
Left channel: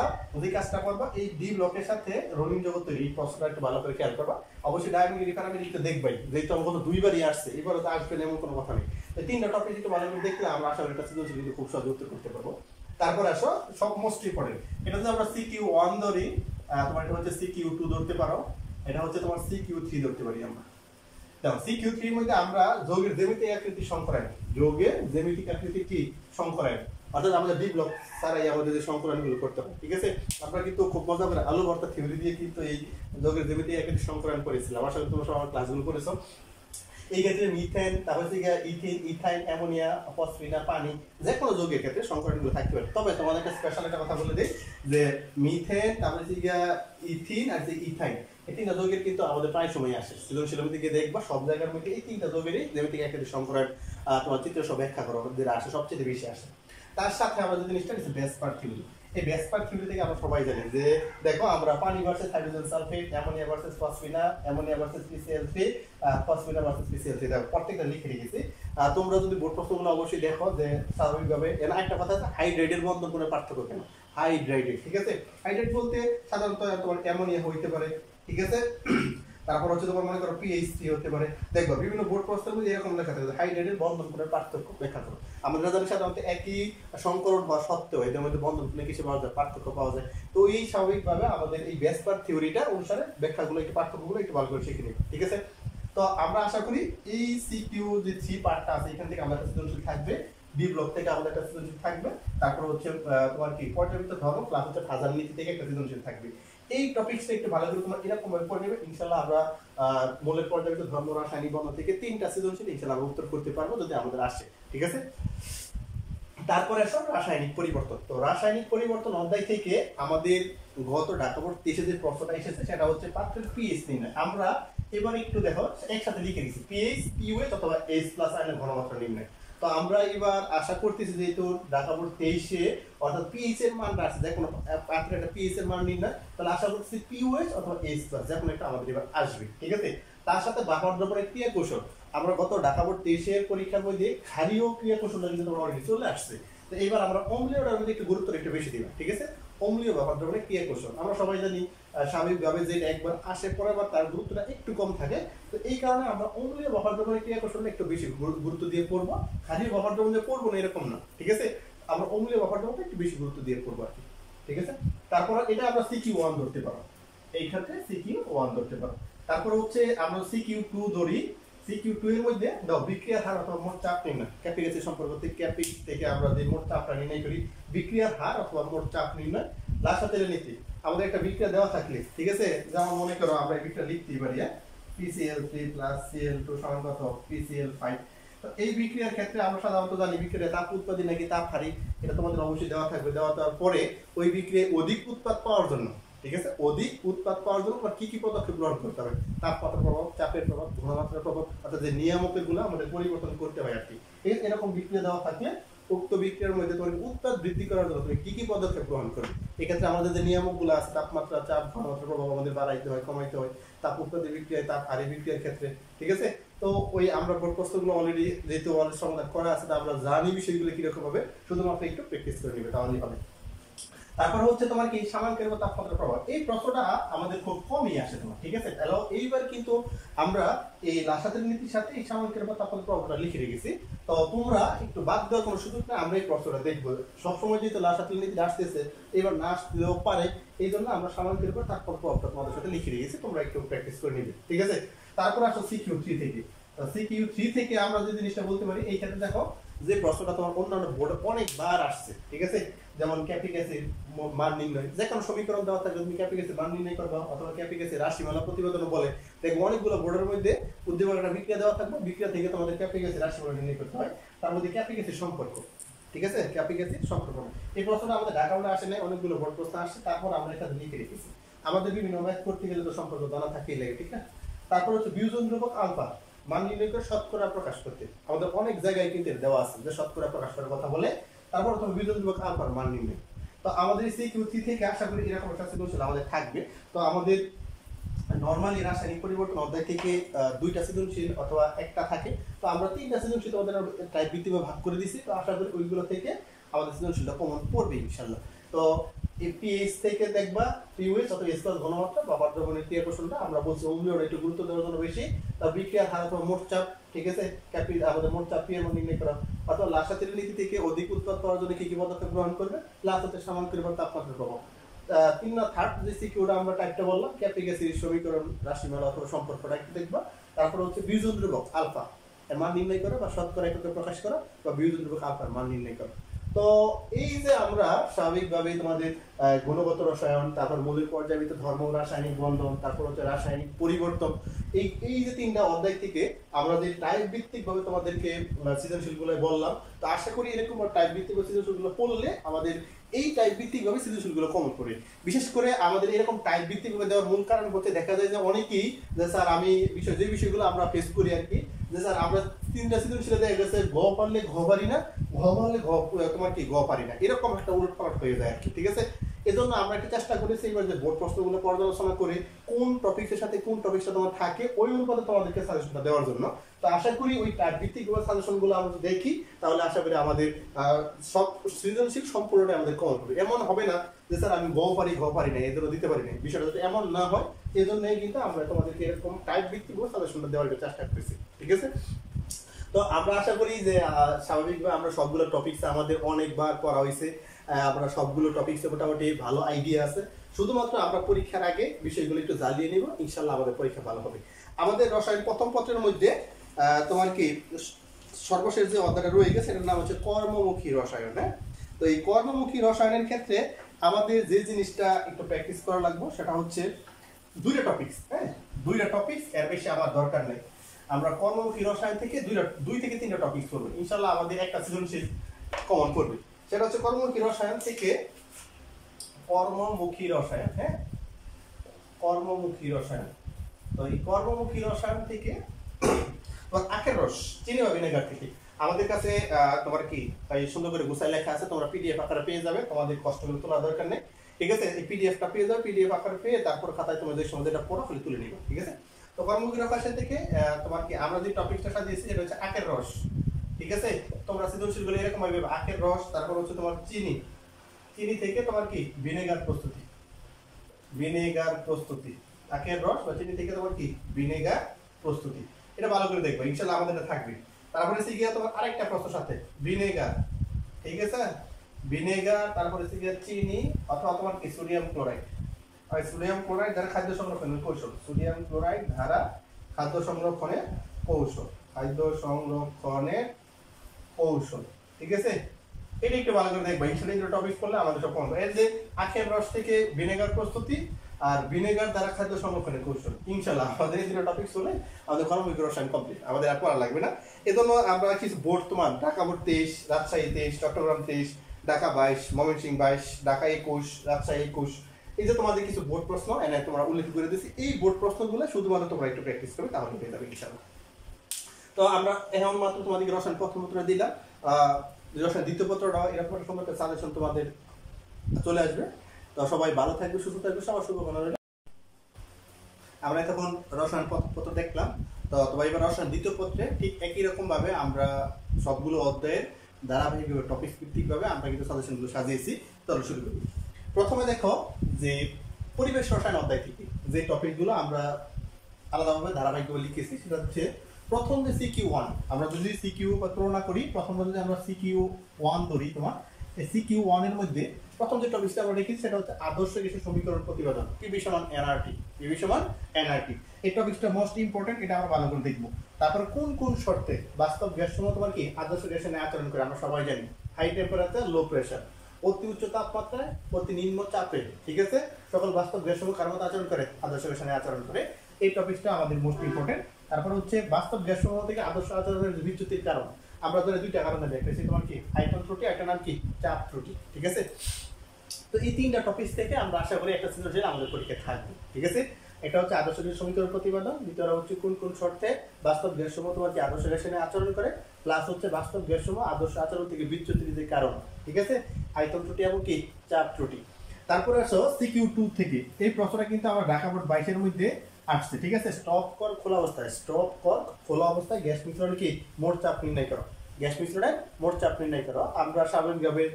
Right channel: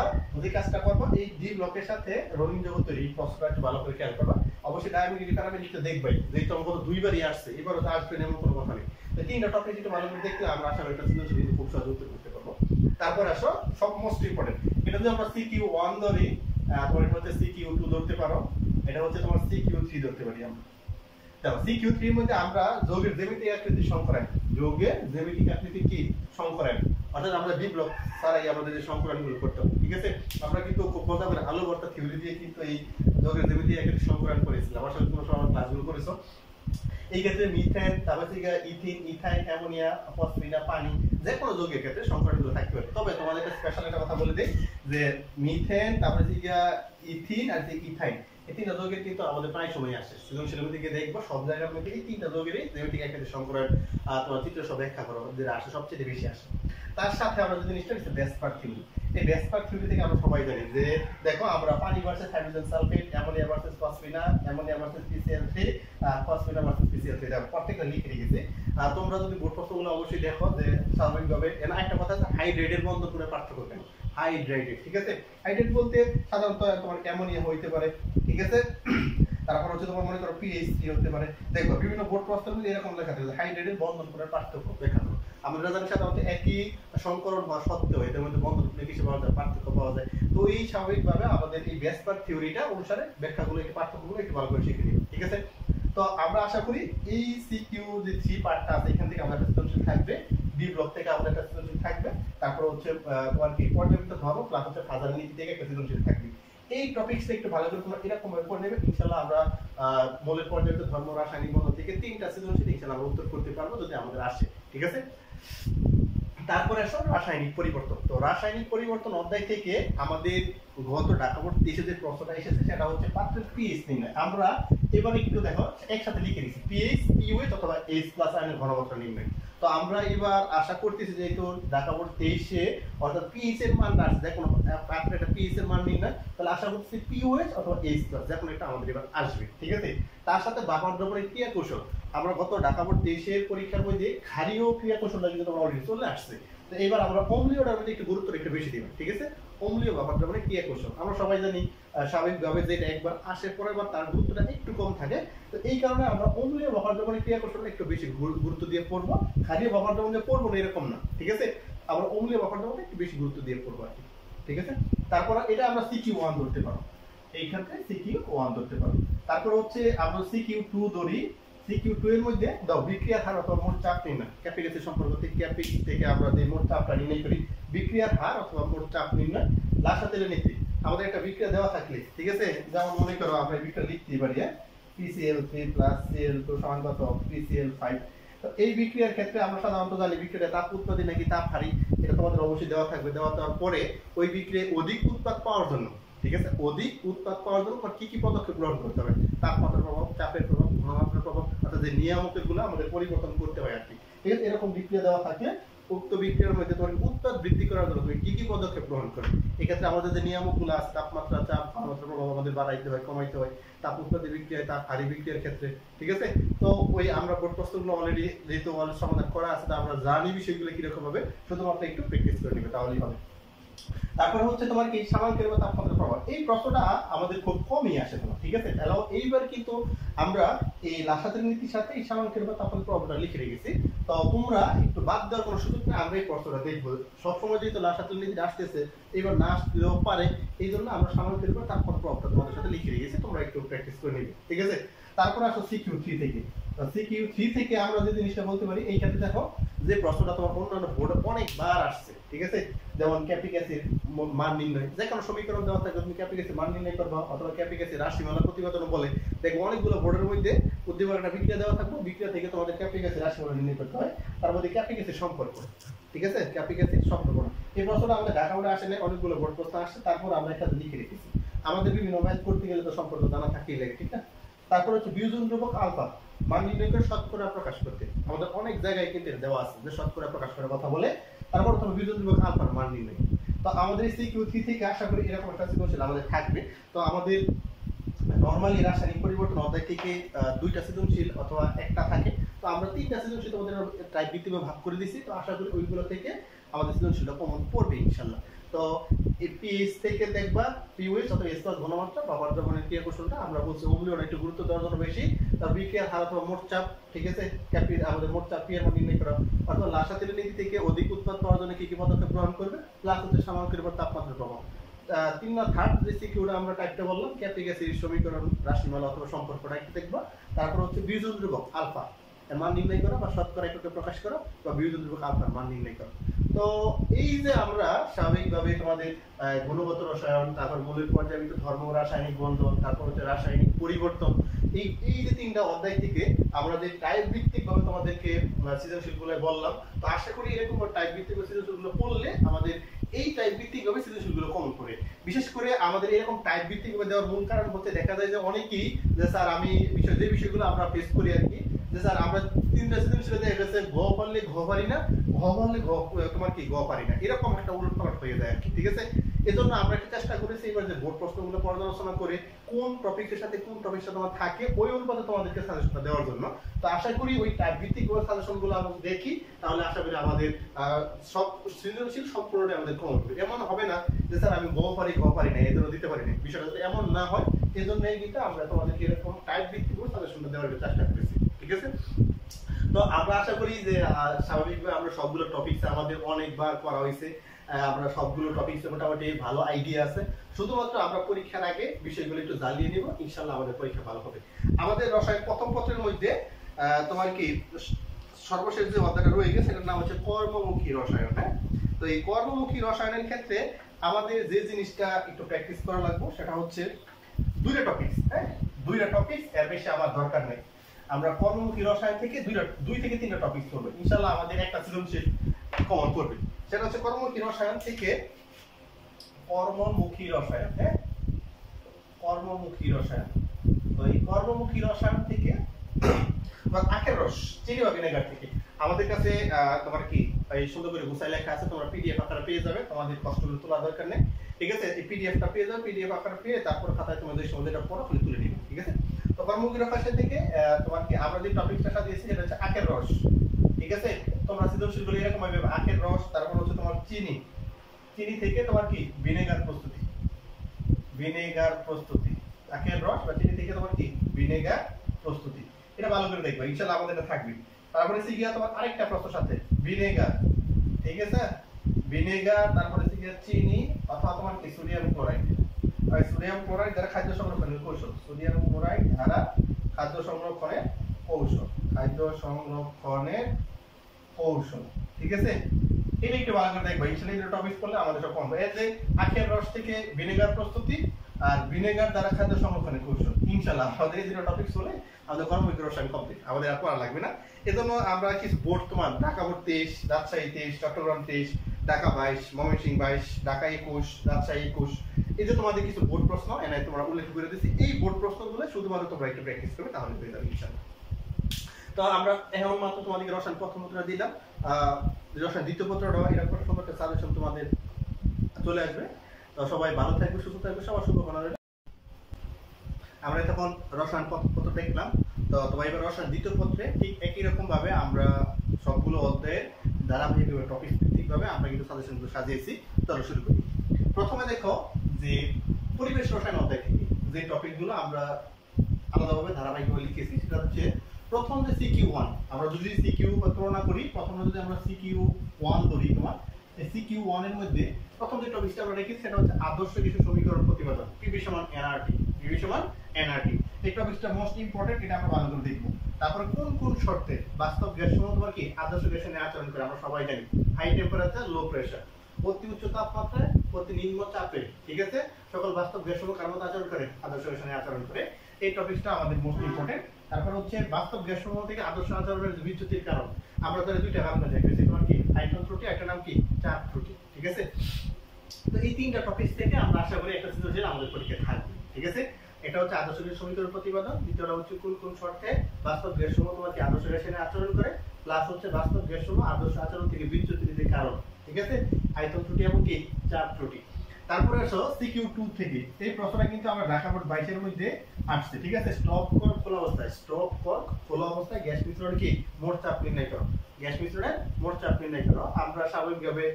যে কাজটা করবা এই ডি ব্লকের সাথে রঙিন যৌগ তৈরি, এই প্রশ্নটা একটু ভালো করে খেয়াল করবা। অবশ্যই ডায়ামেট্রিক প্যারামেট্রিক দেখবাই, যেহেতু আমার গত 2 বারই আসছে, এবারও তো আসবে এমন কোনো কথা নেই। তো 3টা টপিক একটু ভালো করে দেখলে আমরা আশা করি এটা সৃজনশীল খুব সহজে উত্তর করতে পারবো। তারপর আসো সব মোস্ট ইম্পর্টেন্ট, এটা যদি আমরা CQ1 ধরি, তোমার এটা হচ্ছে CQ2 ধরতে পারো, এটা হচ্ছে তোমার CQ3 ধরতে পারি আমরা। দেখো CQ3 এর মধ্যে আমরা যৌগের জ্যামিতিক আকৃতি সংকরায়ন, যৌগের জ্যামিতিক আকৃতি কি সংকরায়ন, অর্থাৎ আমরা ডি ব্লক ছাড়াই আমাদের যে সংকরায়নগুলো করতে হবে, ঠিক আছে। আমরা কিন্তু খুব মজা করে আলু ভর্তা থিওরি দিয়ে কিন্তু এই যৌগের জ্যামিতিক আকৃতি সংকরায়ন করেছিলাম, আশা করি তোমরা সবাই ক্লাসগুলো করেছো। এই ক্ষেত্রে মিথেন, তারপর ইথিন, ইথাইন, অ্যামোনিয়া, ফসফিনা, পানি, যে কোনো যৌগের ক্ষেত্রে সংকরণগুলো থাকতে পারে। তবে তোমাদের একটা স্পেশাল একটা কথা বলে দিই যে মিথেন, তারপরে ইথিন আর যে ইথাইন, এই তিনটা যৌগের কিন্তু আমাদের প্রায় সময় আসে সৃজনশীলের দিকে দেখবা সব জায়গার মধ্যে এই তিনটা যৌগেরই জ্যামিতিক আকৃতি সংকরণ তোমার চিত্র সব ব্যাখ্যা করো যেটা আসে সবচেয়ে বেশি আসে। তার সাথে আমরা যে জিনিসটা হচ্ছে বেসপার থিওরি, এই বেসপার থিওরি থেকে আমরা সবাই জানি যে দেখো আমরা পানি versus hydrogen sulphate, ammonia versus ফসফিনা, অ্যামোনিয়া ভার্সেস PCl3, ফসফিনা ভার্সেস PCl3, দেখো প্রত্যেকটা লিখে রেখেছি। তোমরা যদি বোর্ড প্রশ্নগুলো অবশ্যই দেখো যে স্বাভাবিকভাবে এর একটা কথা আছে হাইড্রেটের বন্ধন করে পার্থক্য কেন, হাইড্রেটেড, ঠিক আছে। হাইড্রেট বলতে সাধারণত তোমার অ্যামোনিয়া হইতে পারে, ঠিক আছে। তারপর হচ্ছে তোমার মনে করো PH3 হতে পারে, দেখো বিভিন্ন বোর্ড প্রশ্নের মধ্যে এরকম লেখা থাকে হাইড্রেটের বন্ধন করে পার্থক্য ব্যাখ্যা করো। আমাদের জানি সাধারণত একই সংকরণ হওয়া সত্ত্বেও এদের মধ্যে বন্ধন করে কিছু পাওয়া যায়, পার্থক্য পাওয়া যায়। তো এই স্বাভাবিকভাবে আমাদের এই বেসপার থিওরিটা অনুসারে ব্যাখ্যাগুলো একটু পার্থক্যগুলো একটু ভালো করে শিখে নিই, ঠিক আছে। তো আমরা আশা করি এই CQ3 পার্টটা আছে এখান থেকে আমাদের একটা সৃজনশীল থাকবে, ডি ব্লক থেকে আমাদের একটা সৃজনশীল থাকবে, তারপর হচ্ছে তোমার কি পর্যায়বৃত্ত ধর্ম প্লাস হচ্ছে ফাজার নীতি থেকে একটা সৃজনশীল থাকবে। এই টপিকসটা একটু ভালো করে তোমরা এরকম ভাবে পড়ে নেবে, ইনশাআল্লাহ আমরা মৌলের পর্যায়বৃত্ত ধর্ম, রাসায়নিক বন্ধন থেকে 3টা সৃজনশীল ইনশাআল্লাহ আমরা উত্তর করতে পারবো যদি আমাদের আসে, ঠিক আছে। তারপরে আসো রাসায়নিক পরিবর্তন। তো রাসায়নিক পরিবর্তন অধ্যায় থেকে আমাদের গত ঢাকা বোর্ড 23 যে প্রশ্নটা এসেছে সেটা হচ্ছে পাত্রের পিএইচ নির্ণয়। আমরা এবার একটু দেখো একসাথে লিখে নিচ্ছি পিএইচ, পিওএইচ অথবা H+ আয়নের ঘনমাত্রা নির্ণয়। তো আমরা এবার আশা করতেছি যেহেতু ঢাকা বোর্ড 23-এ অর্থাৎ পিএইচ এর মান আসছে, যে কোনো পাত্রের একটা পিএইচ এর মান নির্ণয়, তাহলে আশা করতেছি পিওএইচ অথবা H+, যে কোনো একটা আমাদের এবার আসবে, ঠিক আছে। তার সাথে বাফার দ্রবণের ক্রিয়া কৌশল, আমরা গত ঢাকা বোর্ড 23-এর পরীক্ষার মধ্যে ক্ষারীয় ক্রিয়া কৌশলটা কিন্তু তোমরা অলরেডি চলে আসছে। তো এবার আমরা অম্লীয়টার মধ্যে একটু গুরুত্ব একটু বেশি দিবা, ঠিক আছে। অম্লীয় বাফার দ্রবণের ক্রিয়া কৌশল আমরা সবাই জানি স্বাভাবিকভাবে যে এটা একবার আসে পরে বার তার গুরুত্বটা একটু কম থাকে, তো এই কারণে আমরা অম্লীয় বাফার দ্রবণের ক্রিয়া কৌশলটা একটু বেশি গুরুত্ব দিয়ে পড়বো, ক্ষারীয় বাফার দ্রবণ যে পড়বো না এরকম না, ঠিক আছে। আমরা অম্লীয় বাফার দ্রবণটা একটু বেশি গুরুত্ব দিয়ে পড়বো আর কি, ঠিক আছে। তারপর এটা আমরা CQ1 ধরতে পারো, এই ক্ষেত্রে CQ1 ধরতে পারো। তারপর হচ্ছে আমরা CQ2 ধরি, CQ2 এর মধ্যে দাও বিক্রিয়ার হার অথবা মোট চাপ নির্ণয়, ক্যাপিক সম্পর্ক থেকে আমরা যে মোট চাপটা নির্ণয় করি, বিক্রিয়ার হার অথবা মোট চাপ নির্ণয়। লাসাতেলের নীতি, আমাদের একটা বিক্রিয়া দেওয়া থাকলে, ঠিক আছে, যেমন মনে করো আমরা এই বিক্রিয়া লিখতেই পারি PCl3 + Cl2 = কত PCl5। তো এই বিক্রিয়ার ক্ষেত্রে আমরা সাধারণত জানি বিক্রিয়া তাপ উৎপাদী নাকি তাপ হারি, এটা তোমাদের অবশ্যই দেওয়া থাকবে। দেওয়া দেওয়ার পরে ওই বিক্রিয়ায় অধিক উৎপাদ পাওয়ার জন্য, ঠিক আছে, অধিক উৎপাদ পাওয়ার জন্য কি কি পদক্ষেপ গ্রহণ করতে হবে, তাপমাত্রার প্রভাব, চাপের প্রভাব, ঘনমাত্রার প্রভাব, অর্থাৎ যে নিয়ামকগুলো আমাদের পরিবর্তন করতে হয় আর কি, ঠিক আছে। এরকম বিক্রিয়া দেওয়া থাকলে উক্ত বিক্রিয়ার মধ্যে তোমার উৎপাদ বৃদ্ধি করার জন্য তুমি কি কি পদক্ষেপ গ্রহণ করবে। এক্ষেত্রে আমাদের যে নিয়ামকগুলো আছে তাপমাত্রা, চাপ, ঘনমাত্রার প্রভাব আমাদের বাড়াইতে হয়, কমাইতে হয়, তাপ উৎপাদী বিক্রিয়ায়, তাপ হারি বিক্রিয়ার ক্ষেত্রে, ঠিক আছে। তো ওই আমরা বোর্ড প্রশ্নগুলো অলরেডি যেহেতু সমাধান করা আছে, আমরা জানি বিষয়গুলো কিরকম হবে, শুধুমাত্র একটু প্র্যাকটিস করে নিবে তাহলেই হবে। তারপরে হচ্ছে তোমার কি সামাঙ্কের বা তাপমাত্রার প্রভাব, এই প্রশ্নটা আমাদের খুব কমই আসে তোমার, ঠিক আছে। তাহলে এইবার কিন্তু আমরা এই লাসাতের নীতির সাথে এই সামাঙ্কের বা তাপমাত্রার প্রভাবটা লিখে রেখেছি। তো তোমরা একটু বাদ দেওয়ার কোনো সুযোগ নেই, আমরা এই প্রশ্নটা দেখবো সবসময় যেহেতু লাসাতের নীতি আসতেছে, এবার না আসতেও পারে, এই জন্য আমরা সামাঙ্কের বা তাপমাত্রার প্রভাবটা তোমাদের সাথে লিখে রেখেছি, তোমরা একটু প্র্যাকটিস করে নিবে, ঠিক আছে। তারপর আসো CQ3 থেকে। CQ3 থেকে আমরা যে জিনিসটা বলতে পারি, এই ক্ষেত্রে দেখো যে প্রশ্নটা তোমার অন্যান্য বোর্ডে অনেকবার আসছে, ঠিক আছে, যেমন ক্যাপিক অ্যাসিড মান নির্ণয়, যে কোনো সমীকরণ দেওয়া থাকে তুমি ক্যাপিক অ্যাসিড মান নির্ণয় করবা, অথবা ক্যাপিক অ্যাসিড রাশিমালা প্রতিবেদন বলে, দেখো অনেকগুলো বোর্ডের মধ্যে উদ্দীপক একটা বিক্রিয়া দেওয়া থাকবে, বিক্রিয়া থেকে তোমাদের ক্যাপিক অ্যাসিড রাশিমালা নির্ণয় করতে হয়, তার মধ্যে ক্যাপিক অ্যাসিড সম্পর্ক, ঠিক আছে, ক্যাপিক অ্যাসিড সম্পর্ক। এই প্রশ্নটা আমাদের ঢাকা বোর্ডে আসে না, অনেকগুলো বোর্ড প্রশ্ন আসছে, তারপর আমরা এখানে লিখে রেখেছি। আমাদের বিভিন্ন ম্যাথ করতে গেলে তো সম্পর্ক জানা থাকেই লাগে, ঠিক না। তারপর হচ্ছে বিয়োজন ধ্রুবক আলফা মান নির্ণয় করে শতকরা প্রকাশ করতে, আমাদের অনেক জায়গায় কিন্তু দেওয়া আছে যে শতকরা প্রকাশ করার কথা বলে, তারপর তুমি বিয়োজন ধ্রুবক আলফার মান নির্ণয়। তো আমাদের CQ3 থেকে আশা করি এরকম একটা সৃজনশীল আমাদের থাকবে। তো আমাদের নরমালি রাসায়নিক পরিবর্তন অধ্যায় থেকে 2টা সৃজনশীল অথবা একটা থাকে, তো আমরা 3টা সৃজনশীল আমাদের টাইপ ভিত্তিকভাবে ভাগ করে দিয়েছি। তো আশা করি ওইগুলো থেকে আমাদের সৃজনশীলটা কমন পড়বে ইনশাআল্লাহ। তো তো এই পিএইচ থেকে দেখবা পিওএইচ অথবা এস প্লাস ঘনমাত্রা বা পারদ্রবণের ক্রিয়া কৌশলটা আমরা বলছি অম্লীয়টা একটু গুরুত্ব দেওয়ার জন্য বেশি। তার বিক্রিয়ার হার অথবা মোট চাপ, ঠিক আছে, ক্যাপি আমাদের মোট চাপ পি এর মান নির্ণয় করা, অথবা লাসাতের নীতি থেকে অধিক উৎপাদ পাওয়ার জন্য কি কি পদক্ষেপ গ্রহণ করবে, প্লাস হচ্ছে সামাঙ্কিক বা তাপমাত্রার প্রভাব। 3 না 3rd যে সিকিউটা আমরা টাইপটা বললাম ক্যাপি গ্যাসের সমীকরণ রাশিমালা অথবা সম্পর্কটা একটু দেখবা। তারপর হচ্ছে বিয়োজন ধ্রুবক আলফা এর মান নির্ণয় করা বা শতকরা এককে প্রকাশ করা বা বিয়োজন ধ্রুবক আলফার মান নির্ণয় করা। তো এই যে আমরা স্বাভাবিকভাবে তোমাদের গুণগত রসায়ন, তারপর মৌলিক পর্যায়বৃত্ত ধর্ম, রাসায়নিক বন্ধন, তারপর হচ্ছে রাসায়নিক পরিবর্তন, এই যে 3টা অধ্যায় থেকে আমরা যে টাইপ ভিত্তিক ভাবে তোমাদেরকে সৃজনশীলগুলো বললাম, তো আশা করি এরকম টাইপ ভিত্তিক সৃজনশীলগুলো পড়লে আমাদের এই টাইপ ভিত্তিক ভাবে সৃজনশীলগুলো কমন পড়ে। বিশেষ করে আমাদের এরকম টাইপ ভিত্তিক ভাবে দেওয়ার মূল কারণ হচ্ছে দেখা যায় যে অনেকেই যে স্যার আমি যে বিষয়গুলো আমরা ফেস করি আর কি, যে স্যার আমরা 3টা সৃজনশীলে দেখা গেছে ঘ পারলে ঘ পারি না, ঘ পারলে ঘ তোমার কি ঘ পারি না, এরকম একটা উলটপালট হয়ে যায় আর কি, ঠিক আছে। এজন্য আমরা একটু চেষ্টা করেছি এবার যে বোর্ড প্রশ্নগুলো পর্যালোচনা করে কোন টপিকের সাথে কোন টপিকটা তোমার থাকে ওই অনুপাতে তোমাদেরকে সাজেশনটা দেওয়ার জন্য। তো আশা করি ওই টাইপ ভিত্তিক সাজেশনগুলো আমরা দেখি, তাহলে আশা করি আমাদের সব সৃজনশীল সম্পূর্ণটাই আমাদের কমন হবে। এমন হবে না যে স্যার আমি ঘ পারি না, এদেরও দিতে পারি না, বিষয়টা যাতে এমন না হয় এই জন্যই কিন্তু আমরা তোমাদেরকে এরকম টাইপ ভিত্তিক সাজেশনটা দেওয়ার চেষ্টা করতেছি, ঠিক আছে। তো আমরা আশা করি যে স্বাভাবিকভাবে আমরা সবগুলো টপিকস আমাদের অনেকবার পড়া হয়েছে, আমরা সবগুলো টপিকসে মোটামুটি ভালো আইডিয়া আছে। শুধুমাত্র আমরা পরীক্ষার আগে বিষয়গুলো একটু জ্বালিয়ে নিব, ইনশাল্লাহ আমাদের পরীক্ষা ভালো হবে। আমাদের রসায়ন প্রথম পত্রের মধ্যে তোমার কি সর্বশেষ যে অধ্যায়টা রয়ে গেছে সেটার নাম হচ্ছে কর্মমুখী রসায়ন। হ্যাঁ, তো এই কর্মমুখী রসায়নের ক্ষেত্রে আমাদের যে জিনিসটা একটু প্র্যাকটিস করা লাগবে সেটা হচ্ছে 2টা টপিকস। হ্যাঁ, 2টা টপিকস, এর বেশি আমার দরকার নেই। আমরা কর্মমুখী রসায়ন থেকে 2 থেকে 3টা টপিকস পড়বো, ইনশাআল্লাহ আমাদের একটা সৃজনশীল কমন পড়বে। সেটা হচ্ছে কর্মমুখী রসায়ন থেকে কর্মমুখী রসায়ন। হ্যাঁ, কর্মমুখী রসায়ন। তো এই কর্মমুখী রসায়ন থেকে আখের রস, চিনি বা ভিনেগার থেকে আমাদের কাছে তোমার কি এই সুন্দর করে গুছাই লেখা আছে, তোমরা পিডিএফ আকারে পেয়ে যাবে, তোমাদের কষ্টগুলো তোলা দরকার নেই, ঠিক আছে। এই পিডিএফটা পেয়ে যাবে, পিডিএফ আকারে পেয়ে তারপর খাতায় তোমাদের সঙ্গে এটা পড়া ফলে তুলে নিবে, ঠিক আছে। তো কর্মমুখী রসায়ন থেকে তোমার কি আমরা যে টপিকটা সাজিয়েছি সেটা হচ্ছে আখের রস, ঠিক আছে। তোমরা সৃজনশীলগুলো এরকম ভাবে আখের রস, তারপর হচ্ছে তোমার চিনি, চিনি থেকে তোমার কি ভিনেগার প্রস্তুতি, ভিনেগার প্রস্তুতি, আখের রস বা চিনি থেকে তোমার কি ভিনেগার প্রস্তুতি, এটা ভালো করে দেখবে, ইনশাআল্লাহ আমাদের এটা থাকবে। তারপরে সিগিয়া তোমার আরেকটা প্রশ্ন সাথে ভিনেগার, ঠিক আছে, ভিনেগার, তারপরে সিগিয়া চিনি অথবা তোমার কি সোডিয়াম ক্লোরাইড, আর সোডিয়াম ক্লোরাইড দ্বারা খাদ্য সংরক্ষণের কৌশল, সোডিয়াম ক্লোরাইড দ্বারা খাদ্য সংরক্ষণের কৌশল, খাদ্য সংরক্ষণের কৌশল, ঠিক আছে। এটা একটু ভালো করে দেখবা, ইনশাআল্লাহ এই টপিক পড়লে আমাদের সব কমবে। এর যে আখের রস থেকে ভিনেগার প্রস্তুতি আর ভিনেগার দ্বারা খাদ্য সংরক্ষণের কৌশল, ইনশাআল্লাহ আমাদের এই 2টা টপিক হলে আমাদের কর্মমুখী রসায়ন কমপ্লিট, আমাদের আর পড়া লাগবে না। এজন্য আমরা কিছু বোর্ড তোমার ঢাকা বোর্ড 23, রাজশাহী 23, চট্টগ্রাম 23, ঢাকা 22, ময়মনসিংহ 22, ঢাকা 21, রাজশাহী 21, এই যে তোমাদের কিছু বোর্ড প্রশ্ন এনে তোমরা উল্লেখ করে দিয়েছি, এই বোর্ড প্রশ্নগুলো শুধুমাত্র তোমরা একটু প্র্যাকটিস করবে, তাহলে হয়ে যাবে ইনশাআল্লাহ। তো আমরা এখন মাত্র তোমাদের রসায়ন প্রথম পত্র দিলাম, রসায়ন দ্বিতীয় পত্রটা এরকম একটা সম্পর্কে সাজেশন তোমাদের চলে আসবে। তো সবাই ভালো থাকবে, সুস্থ থাকবে, সবার শুভকামনা রইল। আমরা তখন রসায়ন প্রথম পত্র দেখলাম, তো তোমার এবার রসায়ন দ্বিতীয় পত্রে ঠিক একই রকম ভাবে আমরা সবগুলো অধ্যায়ের ধারাবাহিকভাবে টপিক ভিত্তিক ভাবে আমরা কিন্তু সাজেশনগুলো সাজিয়েছি। চলো শুরু করি। প্রথমে দেখো যে পরিবেশ রসায়ন অধ্যায় থেকে যে টপিকগুলো আমরা আলাদাভাবে ধারাবাহিকভাবে লিখেছি সেটা হচ্ছে প্রথম যে CQ1, আমরা যদি CQ তুলনা করি, প্রথমে যদি আমরা CQ1 ধরি, তোমার এই CQ1 এর মধ্যে প্রথম যে টপিকটা আমরা রেখেছি সেটা হচ্ছে আদর্শ গ্যাসীয় সমীকরণ প্রতিপাদন, PV সমান nRT, PV সমান nRT। এই টপিকটা মোস্ট ইম্পর্টেন্ট, এটা আমরা ভালো করে দেখবো। তারপরে কোন কোন শর্তে বাস্তব গ্যাস সমূহ তোমার কি আদর্শ গ্যাসের ন্যায় আচরণ করে, আমরা সবাই জানি হাই টেম্পারেচার, লো প্রেসার, অতি উচ্চ তাপমাত্রায়, অতি নিম্ন চাপে, ঠিক আছে, সকল বাস্তব গ্যাস সমূহ কার মতো আচরণ করে, আদর্শ গ্যাসের ন্যায় আচরণ করে। এই টপিকটা আমাদের মোস্ট ইম্পর্টেন্ট। তারপর হচ্ছে বাস্তব গ্যাস সমূহ থেকে আদর্শ আচরণের বিচ্যুতির কারণ, আমরা ধরে 2টা কারণে দেখেছি, তোমার কি আয়তন ত্রুটি, একটা নাম কি চাপ ত্রুটি, ঠিক আছে। তো এই 3টা টপিক থেকে আমরা আশা করি একটা সৃজনশীল আমাদের পরীক্ষায় থাকবে, ঠিক আছে। এটা হচ্ছে আদর্শ গ্যাস সমীকরণ প্রতিপাদন, দ্বিতীয়টা হচ্ছে কোন কোন শর্তে বাস্তব গ্যাস সমূহ তোমার কি আদর্শ গ্যাসের ন্যায় আচরণ করে, প্লাস হচ্ছে বাস্তব গ্যাস সমূহ আদর্শ আচরণ থেকে বিচ্যুতির কারণ, ঠিক আছে, আয়তন ত্রুটি এবং কি চাপ ত্রুটি। তারপরে আসো CQ2 থেকে, এই প্রশ্নটা কিন্তু আমার ঢাকা বোর্ড 22 এর মধ্যে আসছে, ঠিক আছে। স্টপ কর খোলা অবস্থায়, স্টপ কর খোলা অবস্থায় গ্যাস মিশ্রণ কি মোট চাপ নির্ণয় করো, গ্যাস মিশ্রণের মোট চাপ নির্ণয় করো। আমরা স্বাভাবিকভাবে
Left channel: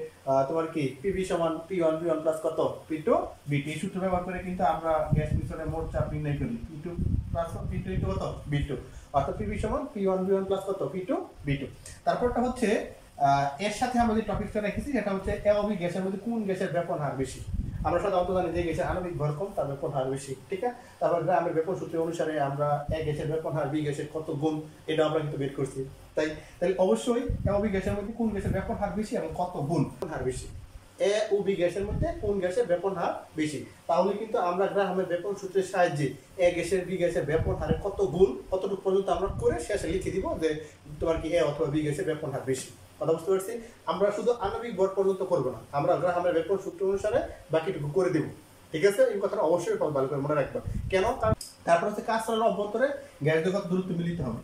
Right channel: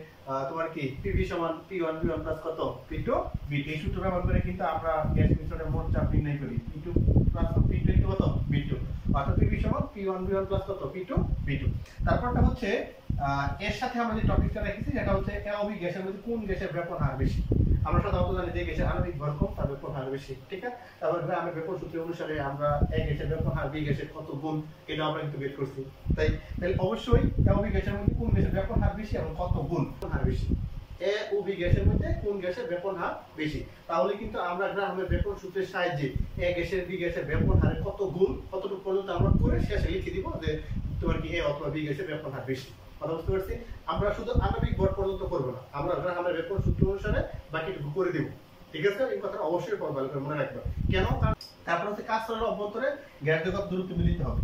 তোমার কি পিভি সমান P1 V1 প্লাস কত P2 V2 এই সূত্র ব্যবহার করে কিন্তু আমরা গ্যাস মিশ্রণের মোট চাপ নির্ণয় করি P2 প্লাস P2 ইনটু কত V2, অর্থাৎ পিভি সমান P1 V1 প্লাস কত P2 V2। তারপরটা হচ্ছে এর সাথে আমরা যে টপিকটা রেখেছি সেটা হচ্ছে এ ও বি গ্যাসের মধ্যে কোন গ্যাসের ব্যাপন হার বেশি। আমরা সাধারণত জানি যে গ্যাসের আণবিক ভর কম তার ব্যাপন হার বেশি, ঠিক আছে। তারপর আমরা ব্যাপন সূত্র অনুসারে আমরা এ গ্যাসের ব্যাপন হার বি গ্যাসের কত গুণ এটা আমরা কিন্তু বের করছি। তাহলে অবশ্যই এ ও বি গ্যাসের মধ্যে কোন গ্যাসের ব্যাপন হার বেশি এবং কত গুণ হার বেশি, এ ও বি গ্যাসের মধ্যে কোন গ্যাসের ব্যাপন হার বেশি। তাহলে কিন্তু আমরা গ্রাহামের ব্যাপন সূত্রের সাহায্যে এ গ্যাসের বি গ্যাসের ব্যাপন হারে কত গুণ কতটুকু পর্যন্ত আমরা করে শেষে লিখে দিব যে তোমার কি এ অথবা বি গ্যাসের ব্যাপন হার বেশি। কথা বুঝতে পারছি? আমরা শুধু আণবিক ভর পর্যন্ত করব না, আমরা গ্রাহামের ব্যাপন সূত্র অনুসারে বাকিটুকু করে দেব, ঠিক আছে। এই কথাটা অবশ্যই ভালো করে মনে রাখবা। কেন? তারপর হচ্ছে কাজ চলার অভ্যন্তরে গ্যাস দ্রব্য দূরত্ব মিলিত হবে।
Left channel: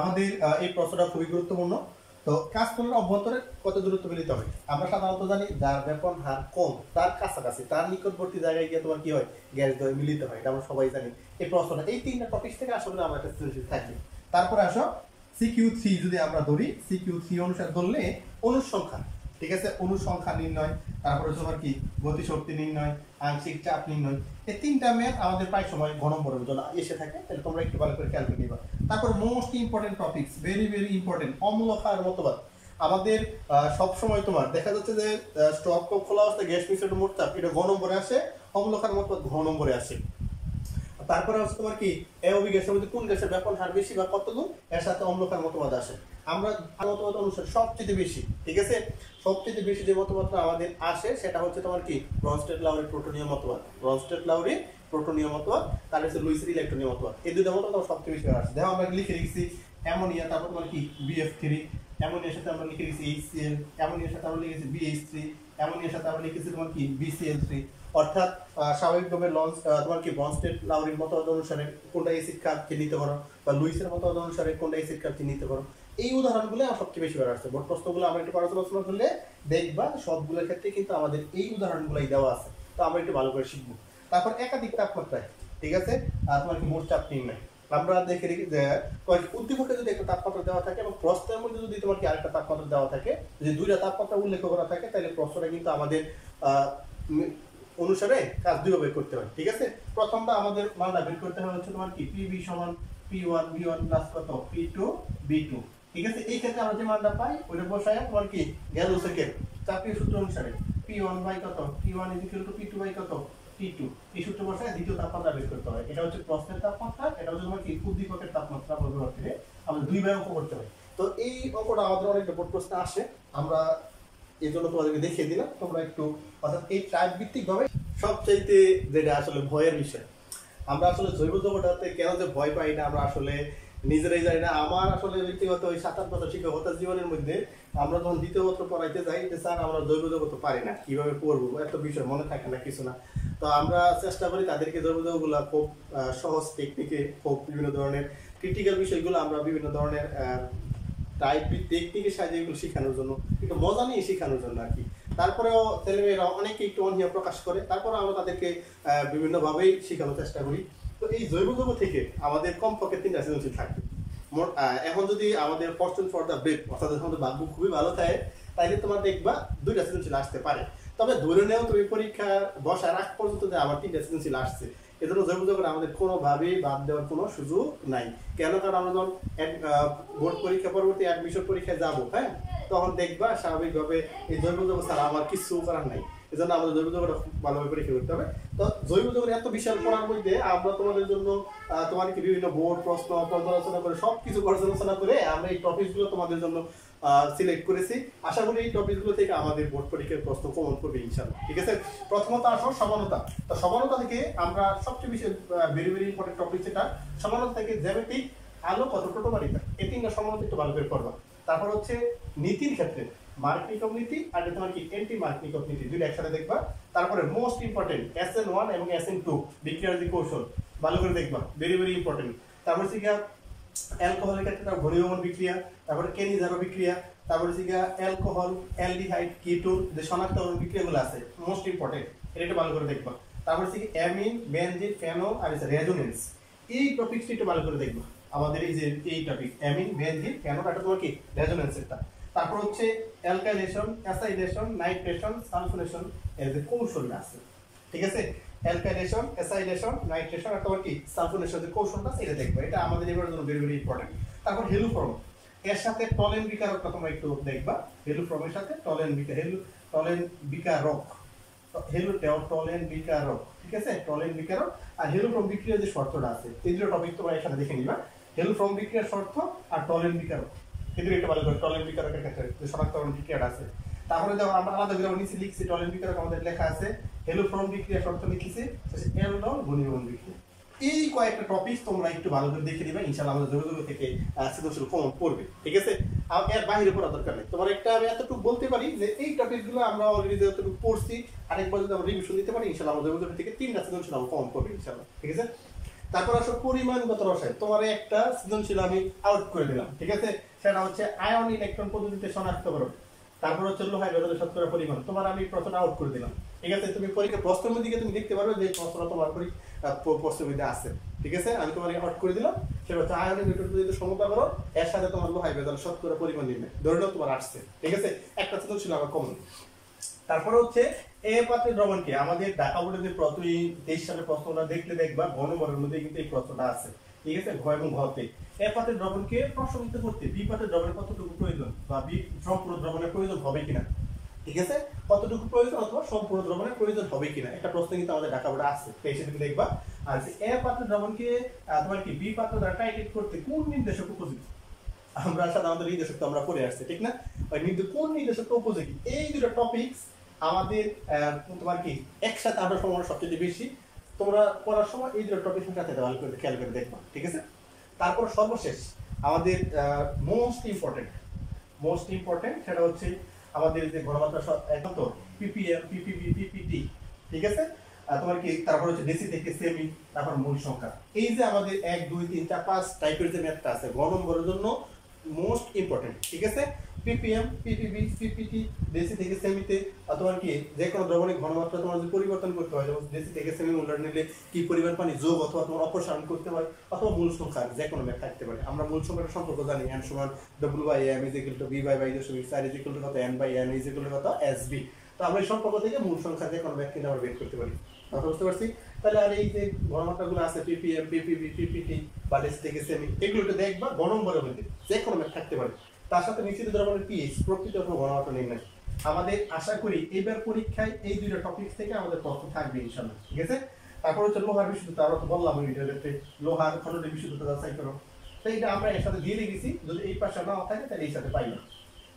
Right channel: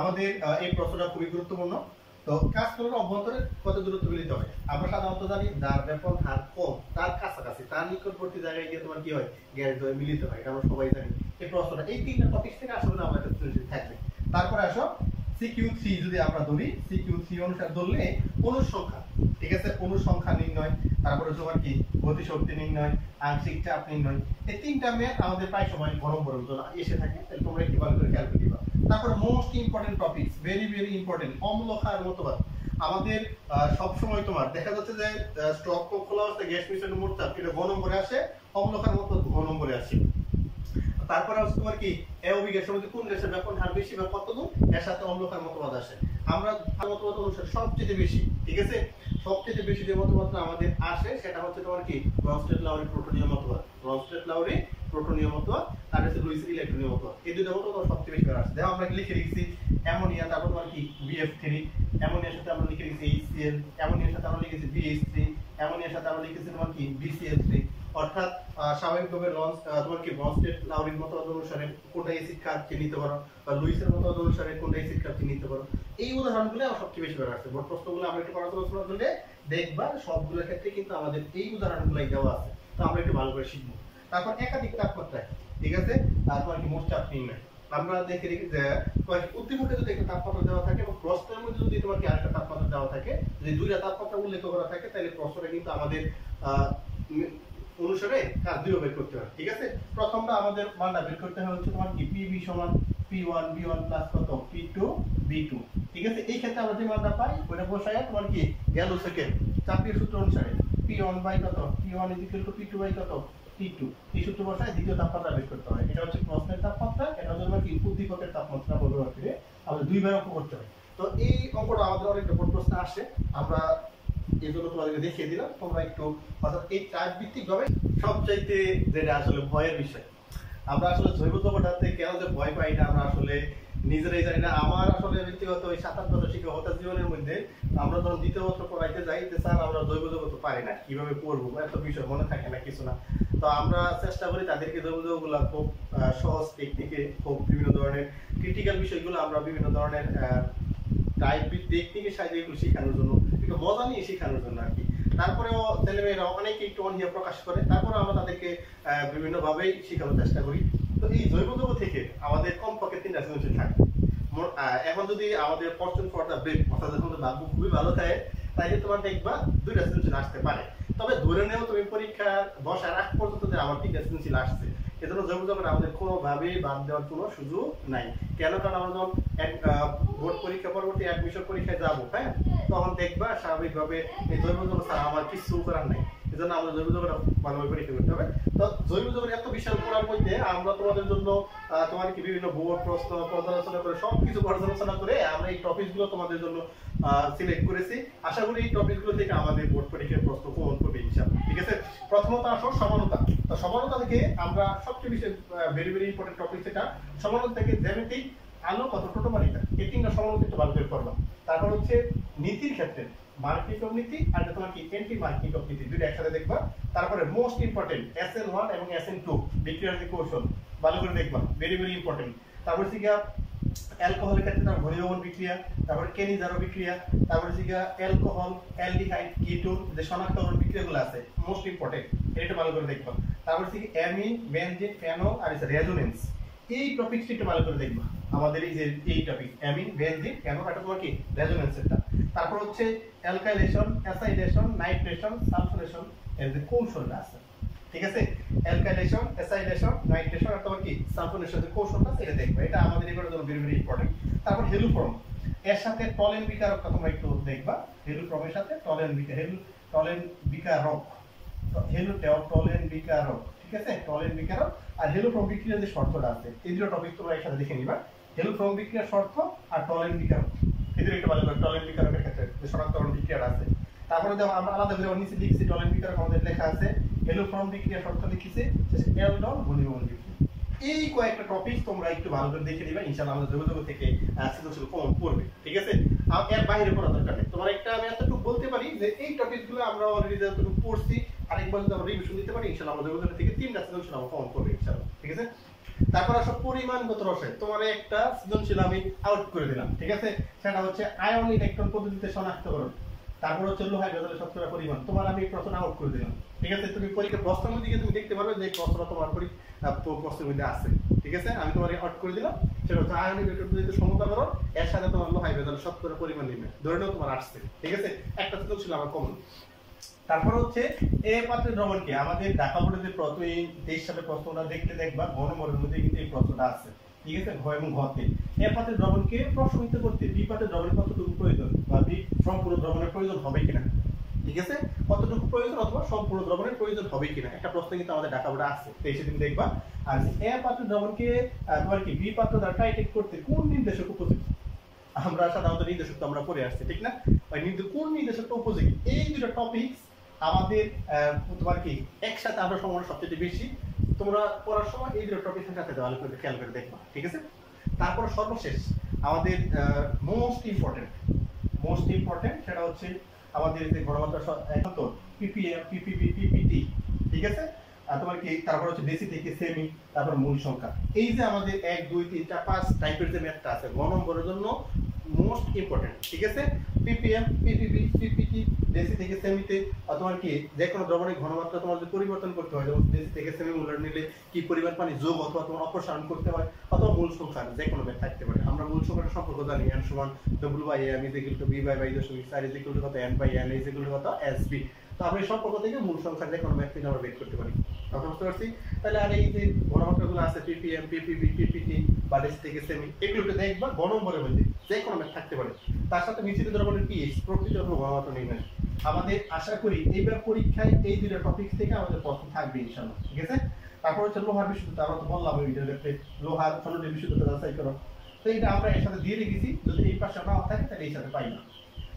আমাদের এই প্রশ্নটা খুবই গুরুত্বপূর্ণ। তো কাজ চলার অভ্যন্তরে কত দূরত্ব মিলিত হবে? আমরা সাধারণত জানি যার ব্যাপন হার কম তার কাছাকাছি তার নিকটবর্তী জায়গায় গিয়ে তোমার কি হয় গ্যাস দ্রব্য মিলিত হয়, এটা আমরা সবাই জানি। এই প্রশ্নটা এই তিনটা টপিক থেকে আসলে আমার কাছে থাকবে। তারপরে আসো CQ3 যদি আমরা ধরি, CQ3 অনুসারে ধরলে অনুসংখ্যা, ঠিক আছে, অনুসংখ্যা নির্ণয়, তারপরে তোমার কি গতিশক্তি নির্ণয়, আংশিক চাপ নির্ণয়, এই তিনটা ম্যাথ আমাদের প্রায় সময় গণম্বরের জন্য এসে থাকে। তাহলে তোমরা একটু ভালো করে খেয়াল করে নিবা। তারপর most important topics, very very important, অম্লক্ষার মতবাদ। আমাদের সব সময় তোমার দেখা যাচ্ছে যে স্টক খোলা অবস্থায় গ্যাস মিশ্রণের মোট চাপ এটা গ নম্বরে আসে, অম্লক্ষার মতবাদ ঘ নম্বরে আসে। তারপরে হচ্ছে তোমার কি এ ও বি গ্যাসের মধ্যে কোন গ্যাসের ব্যাপন হার বেশি বা কত গুণ, এর সাথে অম্লক্ষার মতবাদ আসে। আমরা মতবাদ অনুসারে সবচেয়ে বেশি, ঠিক আছে, সবচেয়ে বেশি যে মতবাদটা আমাদের আসে সেটা হচ্ছে তোমার কি ব্রনস্টেড-লাউরি প্রোটনীয় মতবাদ, ব্রনস্টেড-লাউরি প্রোটনীয় মতবাদ, তার হচ্ছে লুইস ইলেকট্রনীয় মতবাদ। এই দুটো মতবাদ সবচেয়ে বেশি আসে। দেখো আমরা লিখে রেখেছি অ্যামোনিয়া, তারপর তোমার কি BF3, অ্যামোনিয়ার সাথে আমরা লিখে রেখেছি HCl, অ্যামোনিয়ার সাথে আমরা লিখেছি BH3, অ্যামোনিয়ার সাথে আমরা লিখেছি তোমার কি BCl3। অর্থাৎ স্বাভাবিকভাবে তোমার কি ব্রনস্টেড-লাউরির মতবাদ অনুসারে কোনটা অ্যাসিড কার্বকে নিতে পারো বা লুইসের মতবাদ অনুসারে কোনটা অ্যাসিড কার্বকে নিতে পারো। এই উদাহরণগুলো সবচেয়ে বেশি আসছে। বোর্ড প্রশ্নগুলো আমরা একটু পড়াশোনা করলে দেখবা সবগুলোর ক্ষেত্রে কিন্তু আমাদের এই উদাহরণগুলোই দেওয়া আছে। তো আমরা একটু ভালো করে শিখবো। তারপর একাধিক তাপমাত্রায়, ঠিক আছে, তোমার কি মোট চাপ নির্ণয়। আমরা দেখে রেখে যে উদ্দীপকে যদি একটা তাপমাত্রা দেওয়া থাকে এবং প্রশ্নের মধ্যে যদি তোমার কি আরেকটা তাপমাত্রা দেওয়া থাকে, যদি দুইটা তাপমাত্রা উল্লেখ করা থাকে তাহলে প্রশ্নটা কিন্তু আমাদের অনুসারে কাজ দুইভাবে করতে হয়, ঠিক আছে। প্রথমটা আমাদের মানটা বের করতে হবে হচ্ছে তোমার কি PV সমান P1 V1 প্লাস কত P2 V2, ঠিক আছে। এই ক্ষেত্রে আমরা যে মানটা পাই ওটা বসায় তোমার কি গেল সেকেন্ড চাপীয় সূত্র অনুসারে P1 বাই কত P1 P2 বাই কত P2, এই সূত্র বসায় দ্বিতীয় তাপমাত্রা বের করতে হয়। এটা হচ্ছে প্রশ্নের তাপমাত্রা, এটা হচ্ছে তোমার কি উদ্দীপকের তাপমাত্রা ব্যবহার করে আমাদের দুই ভাবে অঙ্ক করতে হয়। তো এই অঙ্কটা আমাদের অনেকটা বোর্ড প্রশ্নে আসে, আমরা এই জন্য তোমাদেরকে দেখিয়ে দিলাম। তোমরা একটু অর্থাৎ এই টাইপ ভিত্তিক ভাবে সবচাইতে যেটা আসলে ভয়ের বিষয়, আমরা আসলে জৈব জগৎটাতে কেন যে ভয় পাই এটা আমরা আসলে নিজেরাই জানি না। আমার আসলে ব্যক্তিগত ওই 7-8 বছর শিক্ষকতার জীবনের মধ্যে আমরা যখন দ্বিতীয় বছর পড়াইতে যাই যে স্যার আমরা জৈব জগৎ পারি না, কিভাবে পড়বো, এত বিষয় মনে থাকে না, কিছু না। তো আমরা চেষ্টা করি তাদেরকে জৈব জগৎগুলো খুব সহজ টেকনিকে, খুব বিভিন্ন ধরনের ক্রিটিক্যাল বিষয়গুলো আমরা বিভিন্ন ধরনের টাইপ টেকনিকের সাহায্যে এগুলো শেখানোর জন্য, একটু মজা নিয়ে শেখানোর জন্য আর কি। তারপরেও ছেলেমেয়েরা অনেকে একটু অনীহা প্রকাশ করে, তারপরে আমরা তাদেরকে বিভিন্নভাবেই শেখানোর চেষ্টা করি। তো এই জৈব জগৎ থেকে আমাদের কমপক্ষে 3টা সৃজনশীল থাকে। এখন যদি আমাদের ফরচুন ফর দ্য ব্রেভ অর্থাৎ যখন ভাগ্য খুবই ভালো থাকে তাইলে তোমার দেখবা 2টা সৃজনশীল আসতে পারে। তবে ধরে নেও তুমি পরীক্ষা বসার আগ পর্যন্ত যে আমার 3টা সৃজনশীল আসছে, এজন্য জৈব জগৎ আমাদের কোনোভাবেই বাদ দেওয়ার কোনো সুযোগ নাই। কেন? কারণ আমরা যখন বোর্ড পরীক্ষা পরবর্তী অ্যাডমিশন পরীক্ষায় যাবো, হ্যাঁ, তখন দেখবা স্বাভাবিকভাবে এই জৈব জগৎ ছাড়া আমার কিছু করার নাই। এজন্য আমাদের জৈব জগৎ ভালোভাবে পরীক্ষা করতে হবে। তো জৈব জগৎ এত বিশাল পড়ার মধ্যে আমরা তোমাদের জন্য তোমার কি বিভিন্ন বোর্ড প্রশ্ন পর্যালোচনা করে সবকিছু পর্যালোচনা করে আমরা এই টপিকগুলো তোমাদের জন্য সিলেক্ট করেছি। আশা করি এই টপিকগুলো থেকে আমাদের বোর্ড পরীক্ষার প্রশ্ন কমন করবে ইনশাআল্লাহ, ঠিক আছে। প্রথমত আসো সমানতা। তো সমানতা থেকে আমরা সবচেয়ে বেশি ভেরি ভেরি ইম্পর্টেন্ট টপিক যেটা সমানতা থেকে জ্যামিতিক, আলো কত টোটোমারিকা, এই 3টা সমানতা একটু ভালো করে পড়বা। তারপর হচ্ছে নীতির ক্ষেত্রে মার্কনিকভ নীতি আর তোমার কি এন্টি মার্কনিকভ নীতি, দুইটা একসাথে দেখবা। তারপরে মোস্ট ইম্পর্টেন্ট SN1 এবং SN2 বিক্রিয়ার যে কৌশল ভালো করে দেখবা, ভেরি ভেরি ইম্পর্টেন্ট। তারপর হচ্ছে অ্যালকোহলের ক্ষেত্রে তার ঘনীভবন বিক্রিয়া, তারপরে কেনিজারো বিক্রিয়া, তারপরে হচ্ছে অ্যালকোহল অ্যালডিহাইড কিটোন যে শনাক্তকরণ বিক্রিয়াগুলো আছে মোস্ট ইম্পর্টেন্ট, এটা ভালো করে দেখবা। তারপর হচ্ছে অ্যামিন বেনজিন ফেনল আর রেজোনেন্স, এই টপিকটি একটু ভালো করে দেখবা। আমাদের এই টপিক অ্যামিন বেনজিন কেন এটা তোমার কি রেজোনেন্সেরটা। তারপর হচ্ছে অ্যালকাইলেশন, অ্যাসাইলেশন, নাইট্রেশন, সালফোনেশন এর যে কৌশলটা আছে, ঠিক আছে? অ্যালকাইলেশন, অ্যাসাইলেশন, নাইট্রেশন আর তোমার কি সালফোনেশন যে কৌশলটা সেটা দেখবে, এটা আমাদের এবারের জন্য ভেরি ভেরি ইম্পর্টেন্ট। তারপর হেলুফর্ম, এর সাথে টলেন বিকারকটা তোমরা একটু দেখবা, হেলুফর্মের সাথে টলেন বিকারক, টলেন বিকারক, ঠিক আছে? টলেন বিকারক আর হেলুফর্ম বিক্রিয়ার যে শর্তটা আছে এই দুটো টপিক তোমরা একসাথে দেখে নিবা, হেলুফর্ম বিক্রিয়ার শর্ত আর টলেন বিকারক, এই দুটো একটু ভালো করে টলেন বিকারকের ক্ষেত্রে যে শনাক্তকরণ বিক্রিয়াটা আছে। তারপরে দেখো আমরা আলাদা করে নিচে লিখছি টলেন বিক্রিয়া আমাদের লেখা আছে, হেলুফর্ম বিক্রিয়া শর্ত লিখেছি অ্যালডল ঘনীভবন বিক্রিয়া। এই কয়েকটা টপিক তোমরা একটু ভালো করে দেখে দিবা, ইনশাআল্লাহ আমাদের যোগাযোগ থেকে সৃজনশীল কমন পড়বে, ঠিক আছে? আর এর বাইরে পড়া দরকার নেই। তোমার একটা আমি এতটুকু বলতে পারি যে এই টপিকগুলো আমরা অলরেডি যতটুকু পড়ছি আরেকবার যদি আমরা রিভিশন দিতে পারি ইনশাআল্লাহ আমাদের যোগাযোগ থেকে 3টা সৃজনশীল আমরা কমন পড়বে ইনশাআল্লাহ, ঠিক আছে? তারপর আসো পরিমাণগত রসায়ন, তোমার একটা সৃজনশীল আমি আউট করে দিলাম, ঠিক আছে? সেটা হচ্ছে আয়ন ইলেকট্রন পদ্ধতিতে শনাক্তকরণ। তারপর হচ্ছে লোহায় ভেদলের শতকরা পরিমাণ, তোমার আমি প্রশ্ন আউট করে দিলাম, ঠিক আছে? তুমি পরীক্ষা প্রশ্নের দিকে তুমি দেখতে পারবে যে প্রশ্নটা তোমার প্রশ্নের মধ্যে আছে, ঠিক আছে? আমি তোমার আউট করে দিলাম, সেটা হচ্ছে আয়ন ইলেকট্রন পদ্ধতিতে সমতাকরণ এর সাথে তোমার লোহায় ভেদলের শতকরা পরিমাণ নির্ণয়, ধরে নাও তোমার আসছে, ঠিক আছে? একটা সৃজনশীল আমার কমন। তারপরে হচ্ছে এ পাত্রের দ্রবণকে আমাদের ঢাকা বোর্ডে যে 23 সালের প্রশ্নটা দেখলে দেখবা ঘ নম্বরের মধ্যে কিন্তু এই প্রশ্নটা আছে, ঠিক আছে? ঘ এবং ঘতে এ পাত্রের দ্রবণকে প্রশমিত করতে বি পাত্রের দ্রবণের কতটুকু প্রয়োজন বা বি সম্পূর্ণ দ্রবণের প্রয়োজন হবে কিনা, ঠিক আছে? কতটুকু প্রয়োজন অথবা সম্পূর্ণ দ্রবণের প্রয়োজন হবে কিনা একটা প্রশ্ন কিন্তু আমাদের ঢাকা বোর্ডে আছে, তো এসে তুমি দেখবা। আর যে এ পাত্রের দ্রবণকে তোমার কি বি পাত্র দ্বারা টাইট্রেট করতে কোন নির্দেশক উপযোগী, আমরা সাধারণত নির্দেশক তো আমরা পড়ে আসছি, ঠিক না? ওই কোন নির্দেশকটা উপযোগী, এই দুটো টপিকস আমাদের তোমার কি একসাথে আমরা সময় সবচেয়ে বেশি, তোমরা পড়ার সময় এই দুটো টপিকের সাথে ভালো করে খেয়াল করে দেখবা, ঠিক আছে? তারপর সর্বশেষ আমাদের মোস্ট ইম্পর্টেন্ট সেটা হচ্ছে আমাদের যে ঘনমাত্রা একাত্তর পিপিএম, পিপিবি, পিপিটি, ঠিক আছে? তোমার কি তারপর হচ্ছে ডেসি থেকে সেমি, তারপর মূল সংখ্যা, এই যে আমাদের 1 2 3 4 5 টাইপের যে ম্যাথটা আছে ঘ নম্বরের জন্য মোস্ট ইম্পর্টেন্ট, ঠিক আছে? পিপিএম, পিপিবি, পিপিটি, ডেসি থেকে সেমিতে তোমার কি যে কোনো দ্রবণের ঘনমাত্রা তোমার যদি পরিবর্তন করতে হয়, যেমন ডেসি থেকে সেমি মূল্য নিলে কি পরিমাণ পানি যোগ অথবা তোমার অপসারণ করতে হয়, অথবা মূল সংখ্যা যে কোনো ম্যাথ থাকতে পারে। আমরা মূল সংখ্যাটা সম্পর্ক জানি, n সমান w/m = b/y দশমিক 4 = কত n/n = কত sb। তো আমরা এই সম্পর্ক থেকে মূল সংখ্যা যে কোনো ম্যাথ কিন্তু আমরা বের করতে পারি, কথা বুঝতে পারছি? তাহলে আর এই যে ঘনমাত্রাগুলো আছে পিপিএম, পিপিবি, পিপিটি বা ডেসি থেকে সেমি, এগুলোকে দেখবা ঘ নম্বরের মধ্যে যে কোনো ম্যাথ থাকতে পারে। তার সাথে মিশ্রিত দ্রবণের পিএইচ, প্রকৃতি অথবা ঘনমাত্রা নির্ণয়। আমাদের আশা করি এইবার পরীক্ষায় এই দুটো টপিকস থেকে আমাদের প্রশ্ন থাকবে ইনশাআল্লাহ, ঠিক আছে? তারপর হচ্ছে লোহার বিশুদ্ধতা, আমরা তো বললাম এই ভিডিওতে লোহার খণ্ডের বিশুদ্ধতা যাচাই করো, তো এটা আমরা এর সাথে দিয়ে রেখেছি, যদি এই পাশে না থাকে তাহলে এই সাথে পাই না।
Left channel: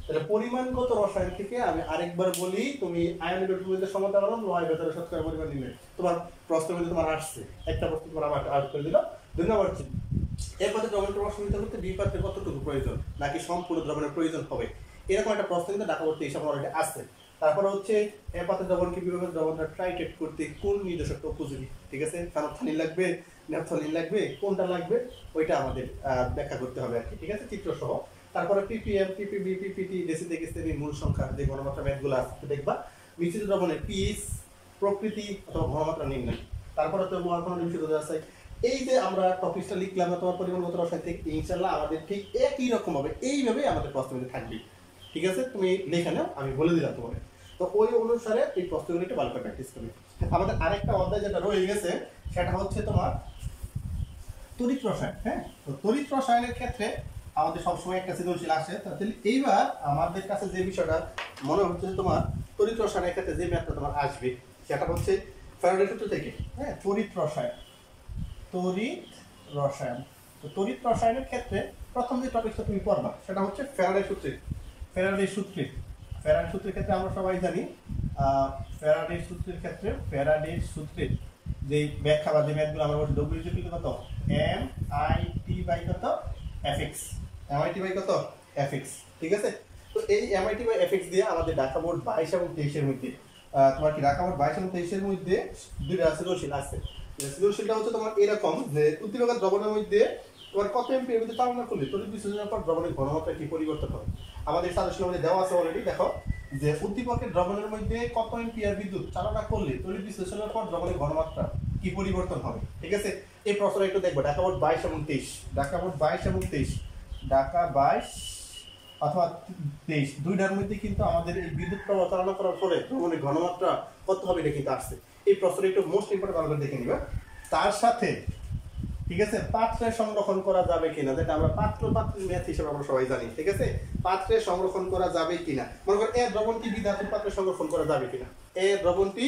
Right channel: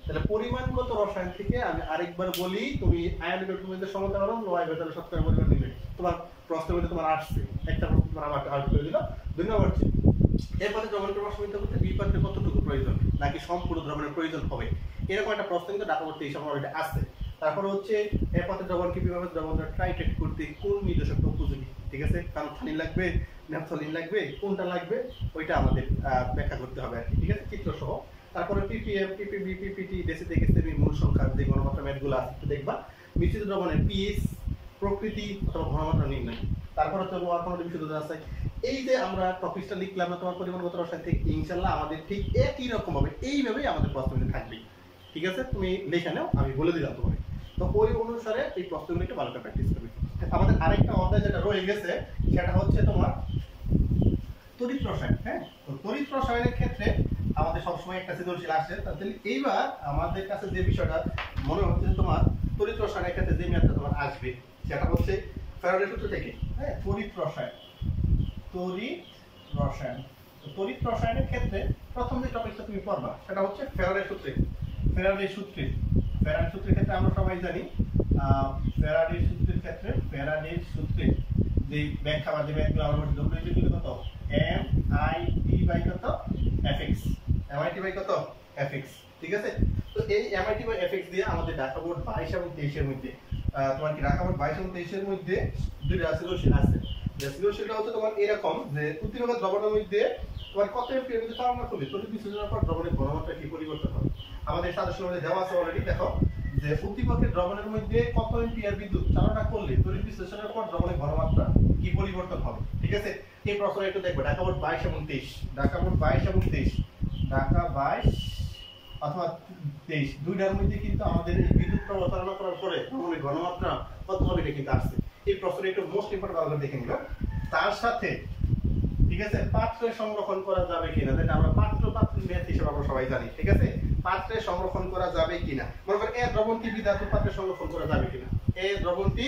তাহলে পরিমাণগত রসায়ন থেকে আমি আরেকবার বলি, তুমি আয়ন ইলেকট্রনের সমতাকরণ লোহায় ভেতরে শতকরা পরিমাণ নিলে তোমার প্রশ্ন মধ্যে তোমার আসছে, একটা প্রশ্ন তোমার আমাকে আউট করে দিল। 2 নম্বর হচ্ছে এর পাত্রে দ্রবণকে প্রশমিত করতে বি পাত্রে কতটুকু প্রয়োজন নাকি সম্পূর্ণ দ্রবণের প্রয়োজন হবে, এরকম একটা প্রশ্ন কিন্তু ঢাকা বোর্ডে এই সময় অলরেডি আসছে। তারপর হচ্ছে এর পাত্রে দ্রবণকে বিভাগের দ্রবণটা টাইট্রেট করতে কোন নির্দেশকটা উপযোগী, ঠিক আছে? কারণ থানিন লাগবে, ন্যাপথলিন লাগবে, কোনটা লাগবে ওইটা আমাদের ব্যাখ্যা করতে হবে আর কি, ঠিক আছে? চিত্র সহ। তারপরে পিপিএম, পিপিবি, পিপিটি, ডেসি থেকে সেমি, মূল সংখ্যা যে ঘনমাত্রা ম্যাথগুলো আছে দেখবা। মিশ্রিত দ্রবণের পিএইচ, প্রকৃতি অথবা ঘনমাত্রা নির্ণয়। তারপরে তো লোহার খণ্ডের বিশুদ্ধতা আছে। এই যে আমরা টপিকটা লিখলাম না তোমার পরিমাণগত রসায়ন থেকে, ইনশাআল্লাহ আমাদের ঠিক একই রকম হবে, এইভাবেই আমাদের প্রশ্নগুলি থাকবে, ঠিক আছে? তুমি লিখে নাও, আমি বলে দিলাম তোমাকে, তো ওই অনুসারে এই প্রশ্নগুলো একটু ভালো করে প্র্যাকটিস করবে। আমাদের আরেকটা অধ্যায় যেটা রয়ে গেছে সেটা হচ্ছে তোমার তড়িৎ রসায়ন। হ্যাঁ, তো তড়িৎ রসায়নের ক্ষেত্রে আমাদের সবসময় একটা সৃজনশীল আসে। তাহলে এইবার আমাদের কাছে যে বিষয়টা মনে হচ্ছে তোমার তড়িৎ রসায়নের ক্ষেত্রে যে ম্যাথটা তোমার আসবে সেটা হচ্ছে ফ্যারাডে সূত্র থেকে। হ্যাঁ, তড়িৎ রসায়ন। তো তড়িৎ রসায়নের ক্ষেত্রে প্রথম যে টপিকটা তুমি পড়বা সেটা হচ্ছে ফ্যারাডে সূত্রের ক্ষেত্রে আমরা সবাই জানি ফ্যারাডে সূত্রের যে ব্যাখ্যা বা যে ম্যাথগুলো আমরা বলছি W কত MIT/কত Fx, MIT/কত Fx, ঠিক আছে? তো এই MIT/Fx দিয়ে আমাদের ঢাকা বোর্ড 22 এবং 23 মধ্যে তোমার কি ঢাকা বোর্ড 22 এবং 23 মধ্যে দুইটা সৃজনশীল আছে। যে সৃজনশীলটা হচ্ছে তোমার এরকম যে উদ্দীপকের দ্রবণের মধ্যে তোমার কত এমপিএর মধ্যে চালনা করলে তড়িৎ বিশ্লেষণের পর দ্রবণের ঘনমাত্রা কি পরিবর্তন হবে। আমাদের সাজেশনের মধ্যে দেওয়া আছে অলরেডি, দেখো যে উদ্দীপকের দ্রবণের মধ্যে কত এম্পিয়ার বিদ্যুৎ চালনা করলে তড়িৎ বিশ্লেষণের পর দ্রবণের ঘনমাত্রা কি পরিবর্তন হবে। ঠিক আছে, এই প্রশ্নটা একটু দেখবো। ঢাকা বোর্ড 22 এবং 23, ঢাকা বোর্ড 22 এবং 23, ঢাকা 22 অথবা 23 দুইটার মধ্যে কিন্তু আমাদের এই বিদ্যুৎ প্রবাহ চালনা করার পরে দ্রবণের ঘনমাত্রা কত হবে এটা কিন্তু আসছে। এই প্রশ্নটা একটু মোস্ট ইম্পর্টেন্ট ভালো করে দেখে নিবা। তার সাথে ঠিক আছে পাত্রে সংরক্ষণ করা যাবে কিনা, যেটা আমরা পাত্রের ম্যাথ হিসেবে আমরা সবাই জানি। ঠিক আছে, পাত্রে সংরক্ষণ করা যাবে কিনা, মনে করেন এ দ্রবণটি বি ধাতুর পাত্রে সংরক্ষণ করা যাবে কিনা। এ দ্রবণটি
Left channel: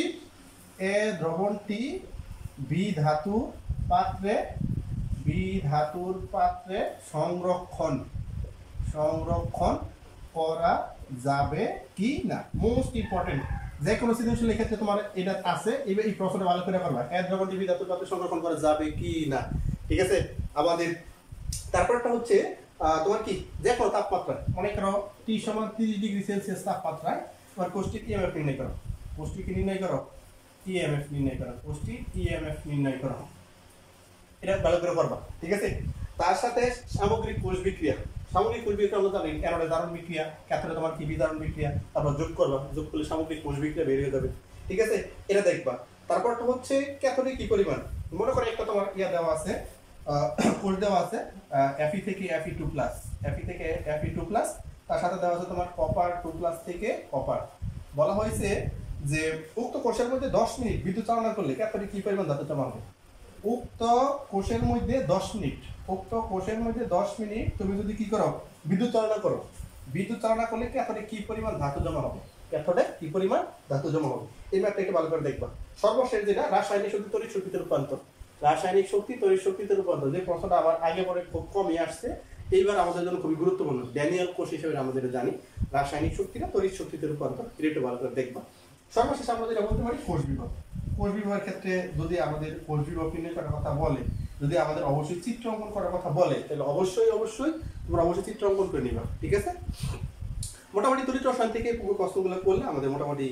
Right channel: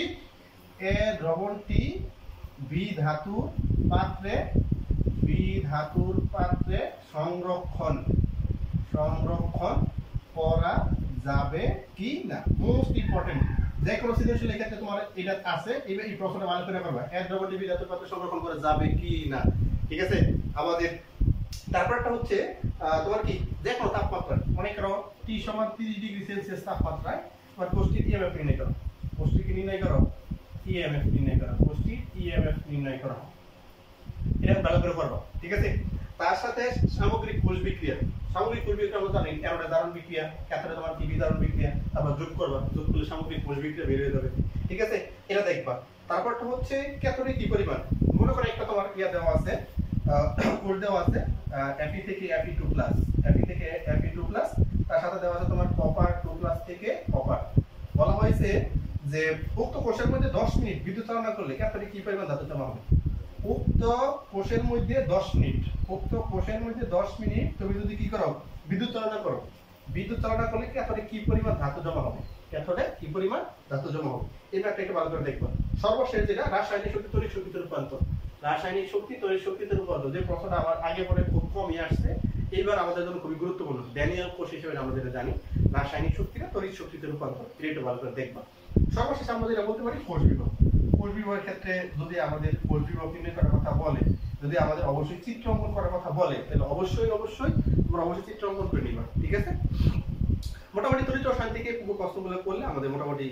বি ধাতুর পাত্রে সংরক্ষণ করা যাবে কি না। মোস্ট ইম্পর্টেন্ট, যে কোনো সৃজনশীলের ক্ষেত্রে তোমার এটা আছে, এই প্রশ্নটা ভালো করে করবা। এ দ্রবণটি বি ধাতুর পাত্রে সংরক্ষণ করা যাবে কি না। ঠিক আছে, আমাদের তারপরটা হচ্ছে তোমার কি যে কোনো তাপমাত্রায়, মনে করো টি সমান 30 ডিগ্রি সেলসিয়াস তাপমাত্রায় তোমার কোষ্ঠীর ইএমএফ নির্ণয় করো। এটা ভালো করে করবা। ঠিক আছে, তার সাথে সামগ্রিক কোষ বিক্রিয়া আমরা জানি অ্যানোডে জারণ বিক্রিয়া, ক্যাথোডে তোমার কি বিজারণ বিক্রিয়া, তারপর যোগ করবা, যোগ করলে সামগ্রিক কোষ বিক্রিয়া বের হয়ে যাবে। ঠিক আছে, এটা দেখবা। তারপরটা হচ্ছে ক্যাথোডে কি পরিমাণ, মনে করো একটা তোমার ইয়া দেওয়া আছে, কোষ দেওয়া আছে Fe থেকে Fe2+, তার সাথে দেওয়া আছে তোমার কপার 2+ থেকে কপার। বলা হয়েছে যে উক্ত কোষের মধ্যে 10 মিনিট বিদ্যুৎ চালনা করলে ক্যাথোডে কি পরিমাণ ধাতু জমা হবে। উক্ত কোষের মধ্যে 10 মিনিট তুমি যদি কি করো বিদ্যুৎ চালনা করলে ক্যাথোডে কি পরিমাণ ধাতু জমা হবে। এই ম্যাপটা একটু ভালো করে দেখবা। সর্বশেষ যেটা রাসায়নিক শক্তি তড়িৎ শক্তিতে রূপান্তর, তড়িৎ শক্তিতে রূপান্তর, যে প্রশ্নটা আবার আগে পরে খুব কমই আসছে, এইবার আমাদের জন্য খুবই গুরুত্বপূর্ণ। ড্যানিয়েল কোষ হিসেবে আমরা যেটা জানি রাসায়নিক শক্তিটা তড়িৎ শক্তিতে রূপান্তর, এটা একটু ভালো করে দেখবা। সর্বশেষ আমরা যেটা বলতে পারি কোষ বিভাগের ক্ষেত্রে যদি আমাদের কোষ বিভাগ নির্ণয় করার কথা বলে, যদি আমাদের অবশ্যই চিত্র অঙ্কন করার কথা বলে, তাহলে অবশ্যই তোমরা চিত্র অঙ্কন করে নিবা। ঠিক আছে, মোটামুটি তড়িৎ রসায়ন থেকে পুরো প্রশ্নগুলো করলে আমাদের মোটামুটি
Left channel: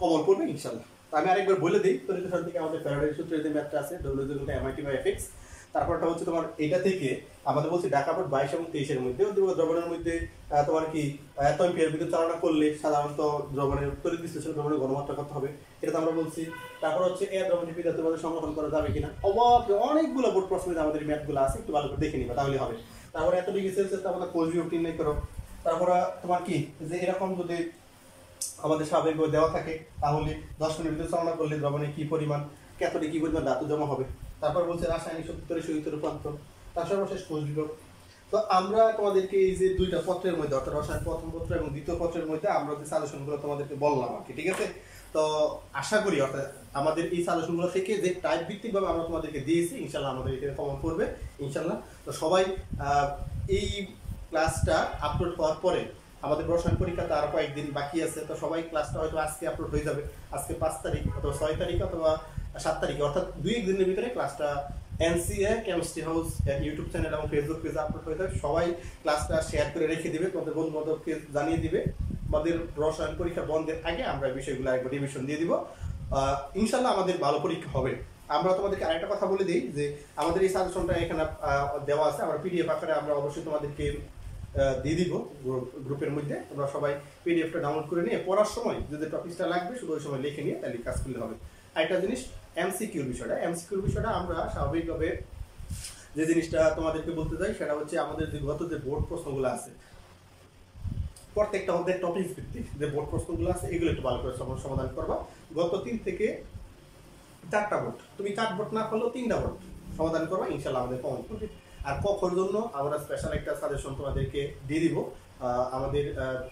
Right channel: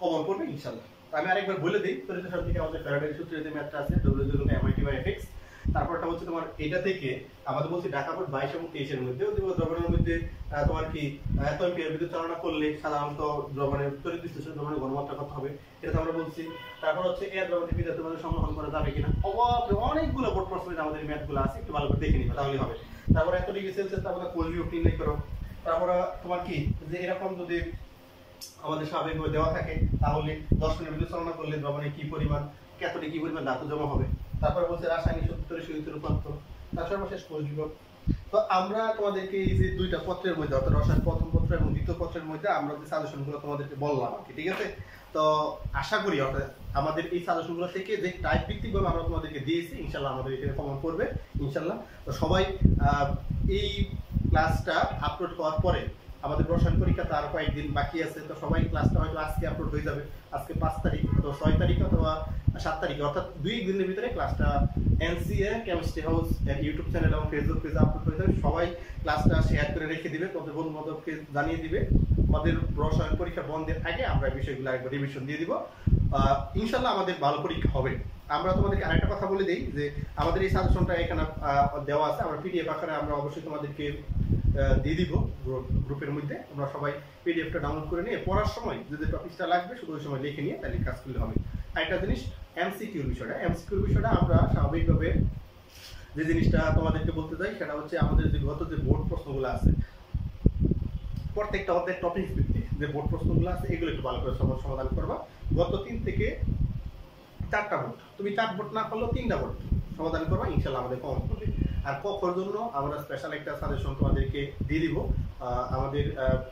কমন করবে ইনশাআল্লাহ। আমি আরেকবার বলে দিই, তড়িৎ রসায়ন থেকে আমাদের ফ্যারাডের সূত্রের যে ম্যাথটা আছে W=MIT/Fx, তারপরটা হচ্ছে তোমার এটা থেকে আমাদের বলছি ঢাকা বোর্ড 22 এবং 23 এর মধ্যে দ্রবণের মধ্যে তোমার কি এত এম্পিয়ার বিদ্যুৎ চালনা করলে সাধারণত দ্রবণের তড়িৎ বিশ্লেষণ দ্রবণের ঘনমাত্রা কত হবে, এটা আমরা বলছি। তারপর হচ্ছে এর দ্রবণের বি ধাতুর মধ্যে সংরক্ষণ করা যাবে কিনা। অনেকগুলো বোর্ড প্রশ্ন আমাদের ম্যাথগুলো আছে, একটু ভালো করে দেখে নিবা তাহলে হবে। তারপর এত ডিগ্রি সেলসিয়াস তারপর কোষ বিভাগ নির্ণয় করো। তারপর তোমার কি যে এরকম যদি আমাদের স্বাভাবিকভাবে দেওয়া থাকে তাহলে 10 মিনিট বিদ্যুৎ চালনা করলে দ্রবণে কি পরিমাণ ক্যাথোডে কি পরিমাণ ধাতু জমা হবে। তারপর বলছে রাসায়নিক শক্তি তড়িৎ শক্তিতে রূপান্তর, তার সর্বশেষ কোষ বিভাগ। তো আমরা তোমাদেরকে এই যে দুইটা পত্রের মধ্যে অর্থাৎ রসায়ন প্রথম পত্র এবং দ্বিতীয় পত্রের মধ্যে আমরা যে সাজেশনগুলো তোমাদেরকে বললাম আর কি। ঠিক আছে, তো আশা করি অর্থাৎ আমাদের এই সাজেশনগুলো থেকে যে টাইপ ভিত্তিকভাবে আমরা তোমাদেরকে দিয়েছি ইনশাআল্লাহ আমাদের এটা কমন পড়বে ইনশাআল্লাহ। তো সবাই এই ক্লাসটা আপলোড হওয়ার পরে আমাদের রসায়ন পরীক্ষা তো আরো কয়েকদিন বাকি আছে, তো সবাই ক্লাসটা হয়তো আজকে আপলোড হয়ে যাবে, আজকে 5 তারিখ অথবা 6 তারিখ অথবা 7 তারিখে, অর্থাৎ 2 দিনের ভিতরে ক্লাসটা NCA কেমিস্ট্রি হাউস এর ইউটিউব চ্যানেল এবং ফেসবুক পেজে আপলোড হয়ে যাবে। সবাই ক্লাসটা শেয়ার করে রেখে দিবে, তোমাদের বন্ধু বান্ধবকে জানিয়ে দিবে। আমাদের রসায়ন পরীক্ষা বন্ধের আগে আমরা বিষয়গুলো একবার রিভিশন দিয়ে দিব, ইনশাল্লাহ আমাদের ভালো পরীক্ষা হবে। আমরা তোমাদেরকে আরেকটা কথা বলে দিই যে আমাদের এই সাজেশনটা এখানে দেওয়া আছে, আমরা পিডিএফ আকারে আমরা অবশ্যই তোমাদেরকে দিয়ে দিব গ্রুপের মধ্যে। তোমরা সবাই পিডিএফটা ডাউনলোড করে নিয়ে পড়ার সময় যদি টপিকটা লাগবে শুধু ওই সময় লিখে নিয়ে তাহলে কাজ করলে হবে। আরেকটা জিনিস এমসিকিউর বিষয়টা আমরা স্বাভাবিকভাবে যে জিনিসটা তোমাদেরকে বলতে চাই সেটা হচ্ছে আমাদের যে গত যে বোর্ড প্রশ্নগুলো আছে প্রত্যেকটা আমাদের টপিক ভিত্তিক যে বোর্ড প্রশ্নগুলো আছে এগুলো একটু ভালো করে সমাধান করবা। গত 3 থেকে 4টা বোর্ড, তুমি 4 বোর্ড না করলেও 3টা বোর্ড সমাধান করবা, ইনশাআল্লাহ আমাদের কমন করবে। আর কখর জন্য আমরা স্পেশাল একটা সাজেশন তোমাদেরকে দিয়ে দিব, আমাদের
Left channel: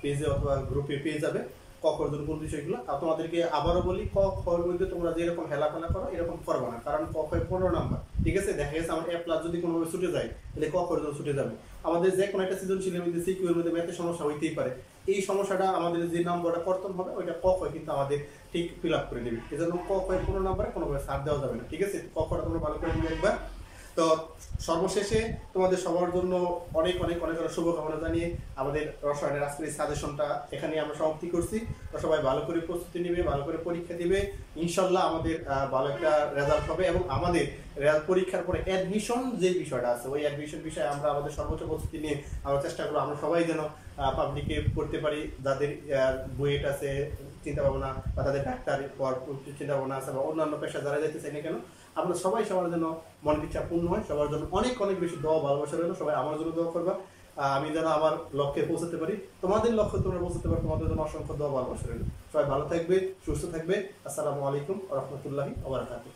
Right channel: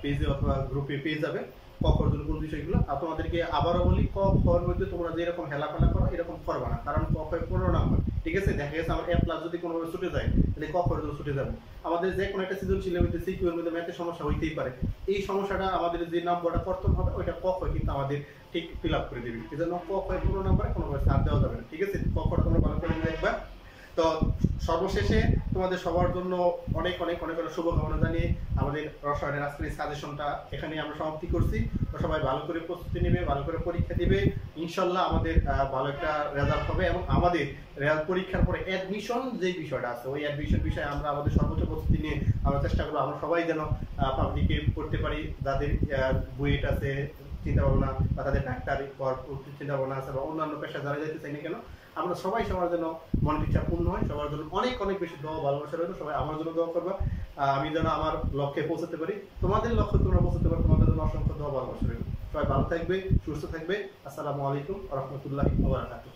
পেজে অথবা গ্রুপে পেয়ে যাবে কখর জন্য কোন বিষয়গুলো। আর তোমাদেরকে আবারও বলি, ক খর মধ্যে তোমরা যেরকম হেলাফেলা করো এরকম করবা না, কারণ ক খয় 15 নাম্বার। ঠিক আছে, দেখা গেছে আমার A+ যদি কোনোভাবে ছুটে যায় তাহলে ক খর জন্য ছুটে যাবে। আমাদের যে কোনো একটা সৃজনশীলের মধ্যে সিকিউ এর মধ্যে ম্যাথের সমস্যা হইতেই পারে, এই সমস্যাটা আমাদের যে নাম্বারটা কর্তন হবে ওইটা ক খয় কিন্তু আমাদের ঠিক ফিল আপ করে দেবে। এই জন্য ক খয় 15 নাম্বারে কোনোভাবে ছাড় দেওয়া যাবে না। ঠিক আছে, ক খটা তোমরা ভালো করে নিবে একবার। তো সর্বশেষে তোমাদের সবার জন্য অনেক অনেক অনেক অনেক শুভকামনা জানিয়ে আমাদের রসায়নের আজকের সাজেশনটা এখানে আমরা সমাপ্তি করছি। তো সবাই ভালো করে প্রস্তুতি নেবে, ভালো করে পরীক্ষা দিবে, ইনশাল্লাহ আমাদের ভালো একটা রেজাল্ট হবে। এবং আমাদের পরীক্ষার পরে অ্যাডমিশন যে বিষয়টা আছে ওই অ্যাডমিশন বিষয়ে আমরা আমাদের সর্বোচ্চ প্রস্তুতি নিয়ে আমরা চেষ্টা করবো আমরা সবাই যেন পাবলিকে পড়তে পারি, যাদের বুয়েট আছে চিন্তা ভাবনা বা তাদের ডাক্তার চিন্তা ভাবনা আছে বা অন্যান্য পেশা যারা যাইতে চাই না কেন, আমরা সবাই সবার জন্য মনের ইচ্ছা পূর্ণ হয়। সবার জন্য অনেক অনেক বেশি দোয়া ভালোবাসা রইল। সবাই আমার জন্য দোয়া করবা, আমি যেন আমার লক্ষ্যে পৌঁছাতে পারি, তোমাদের লক্ষ্যে তোমরা পৌঁছাতে পারো, তোমাদের জন্য অসংখ্য দোয়া ভালোবাসা রইল। সবাই ভালো থাকবে, সুস্থ থাকবে। আসসালামু আলাইকুম ওয়া রাহমাতুল্লাহি ওয়া বারাকাতুহু।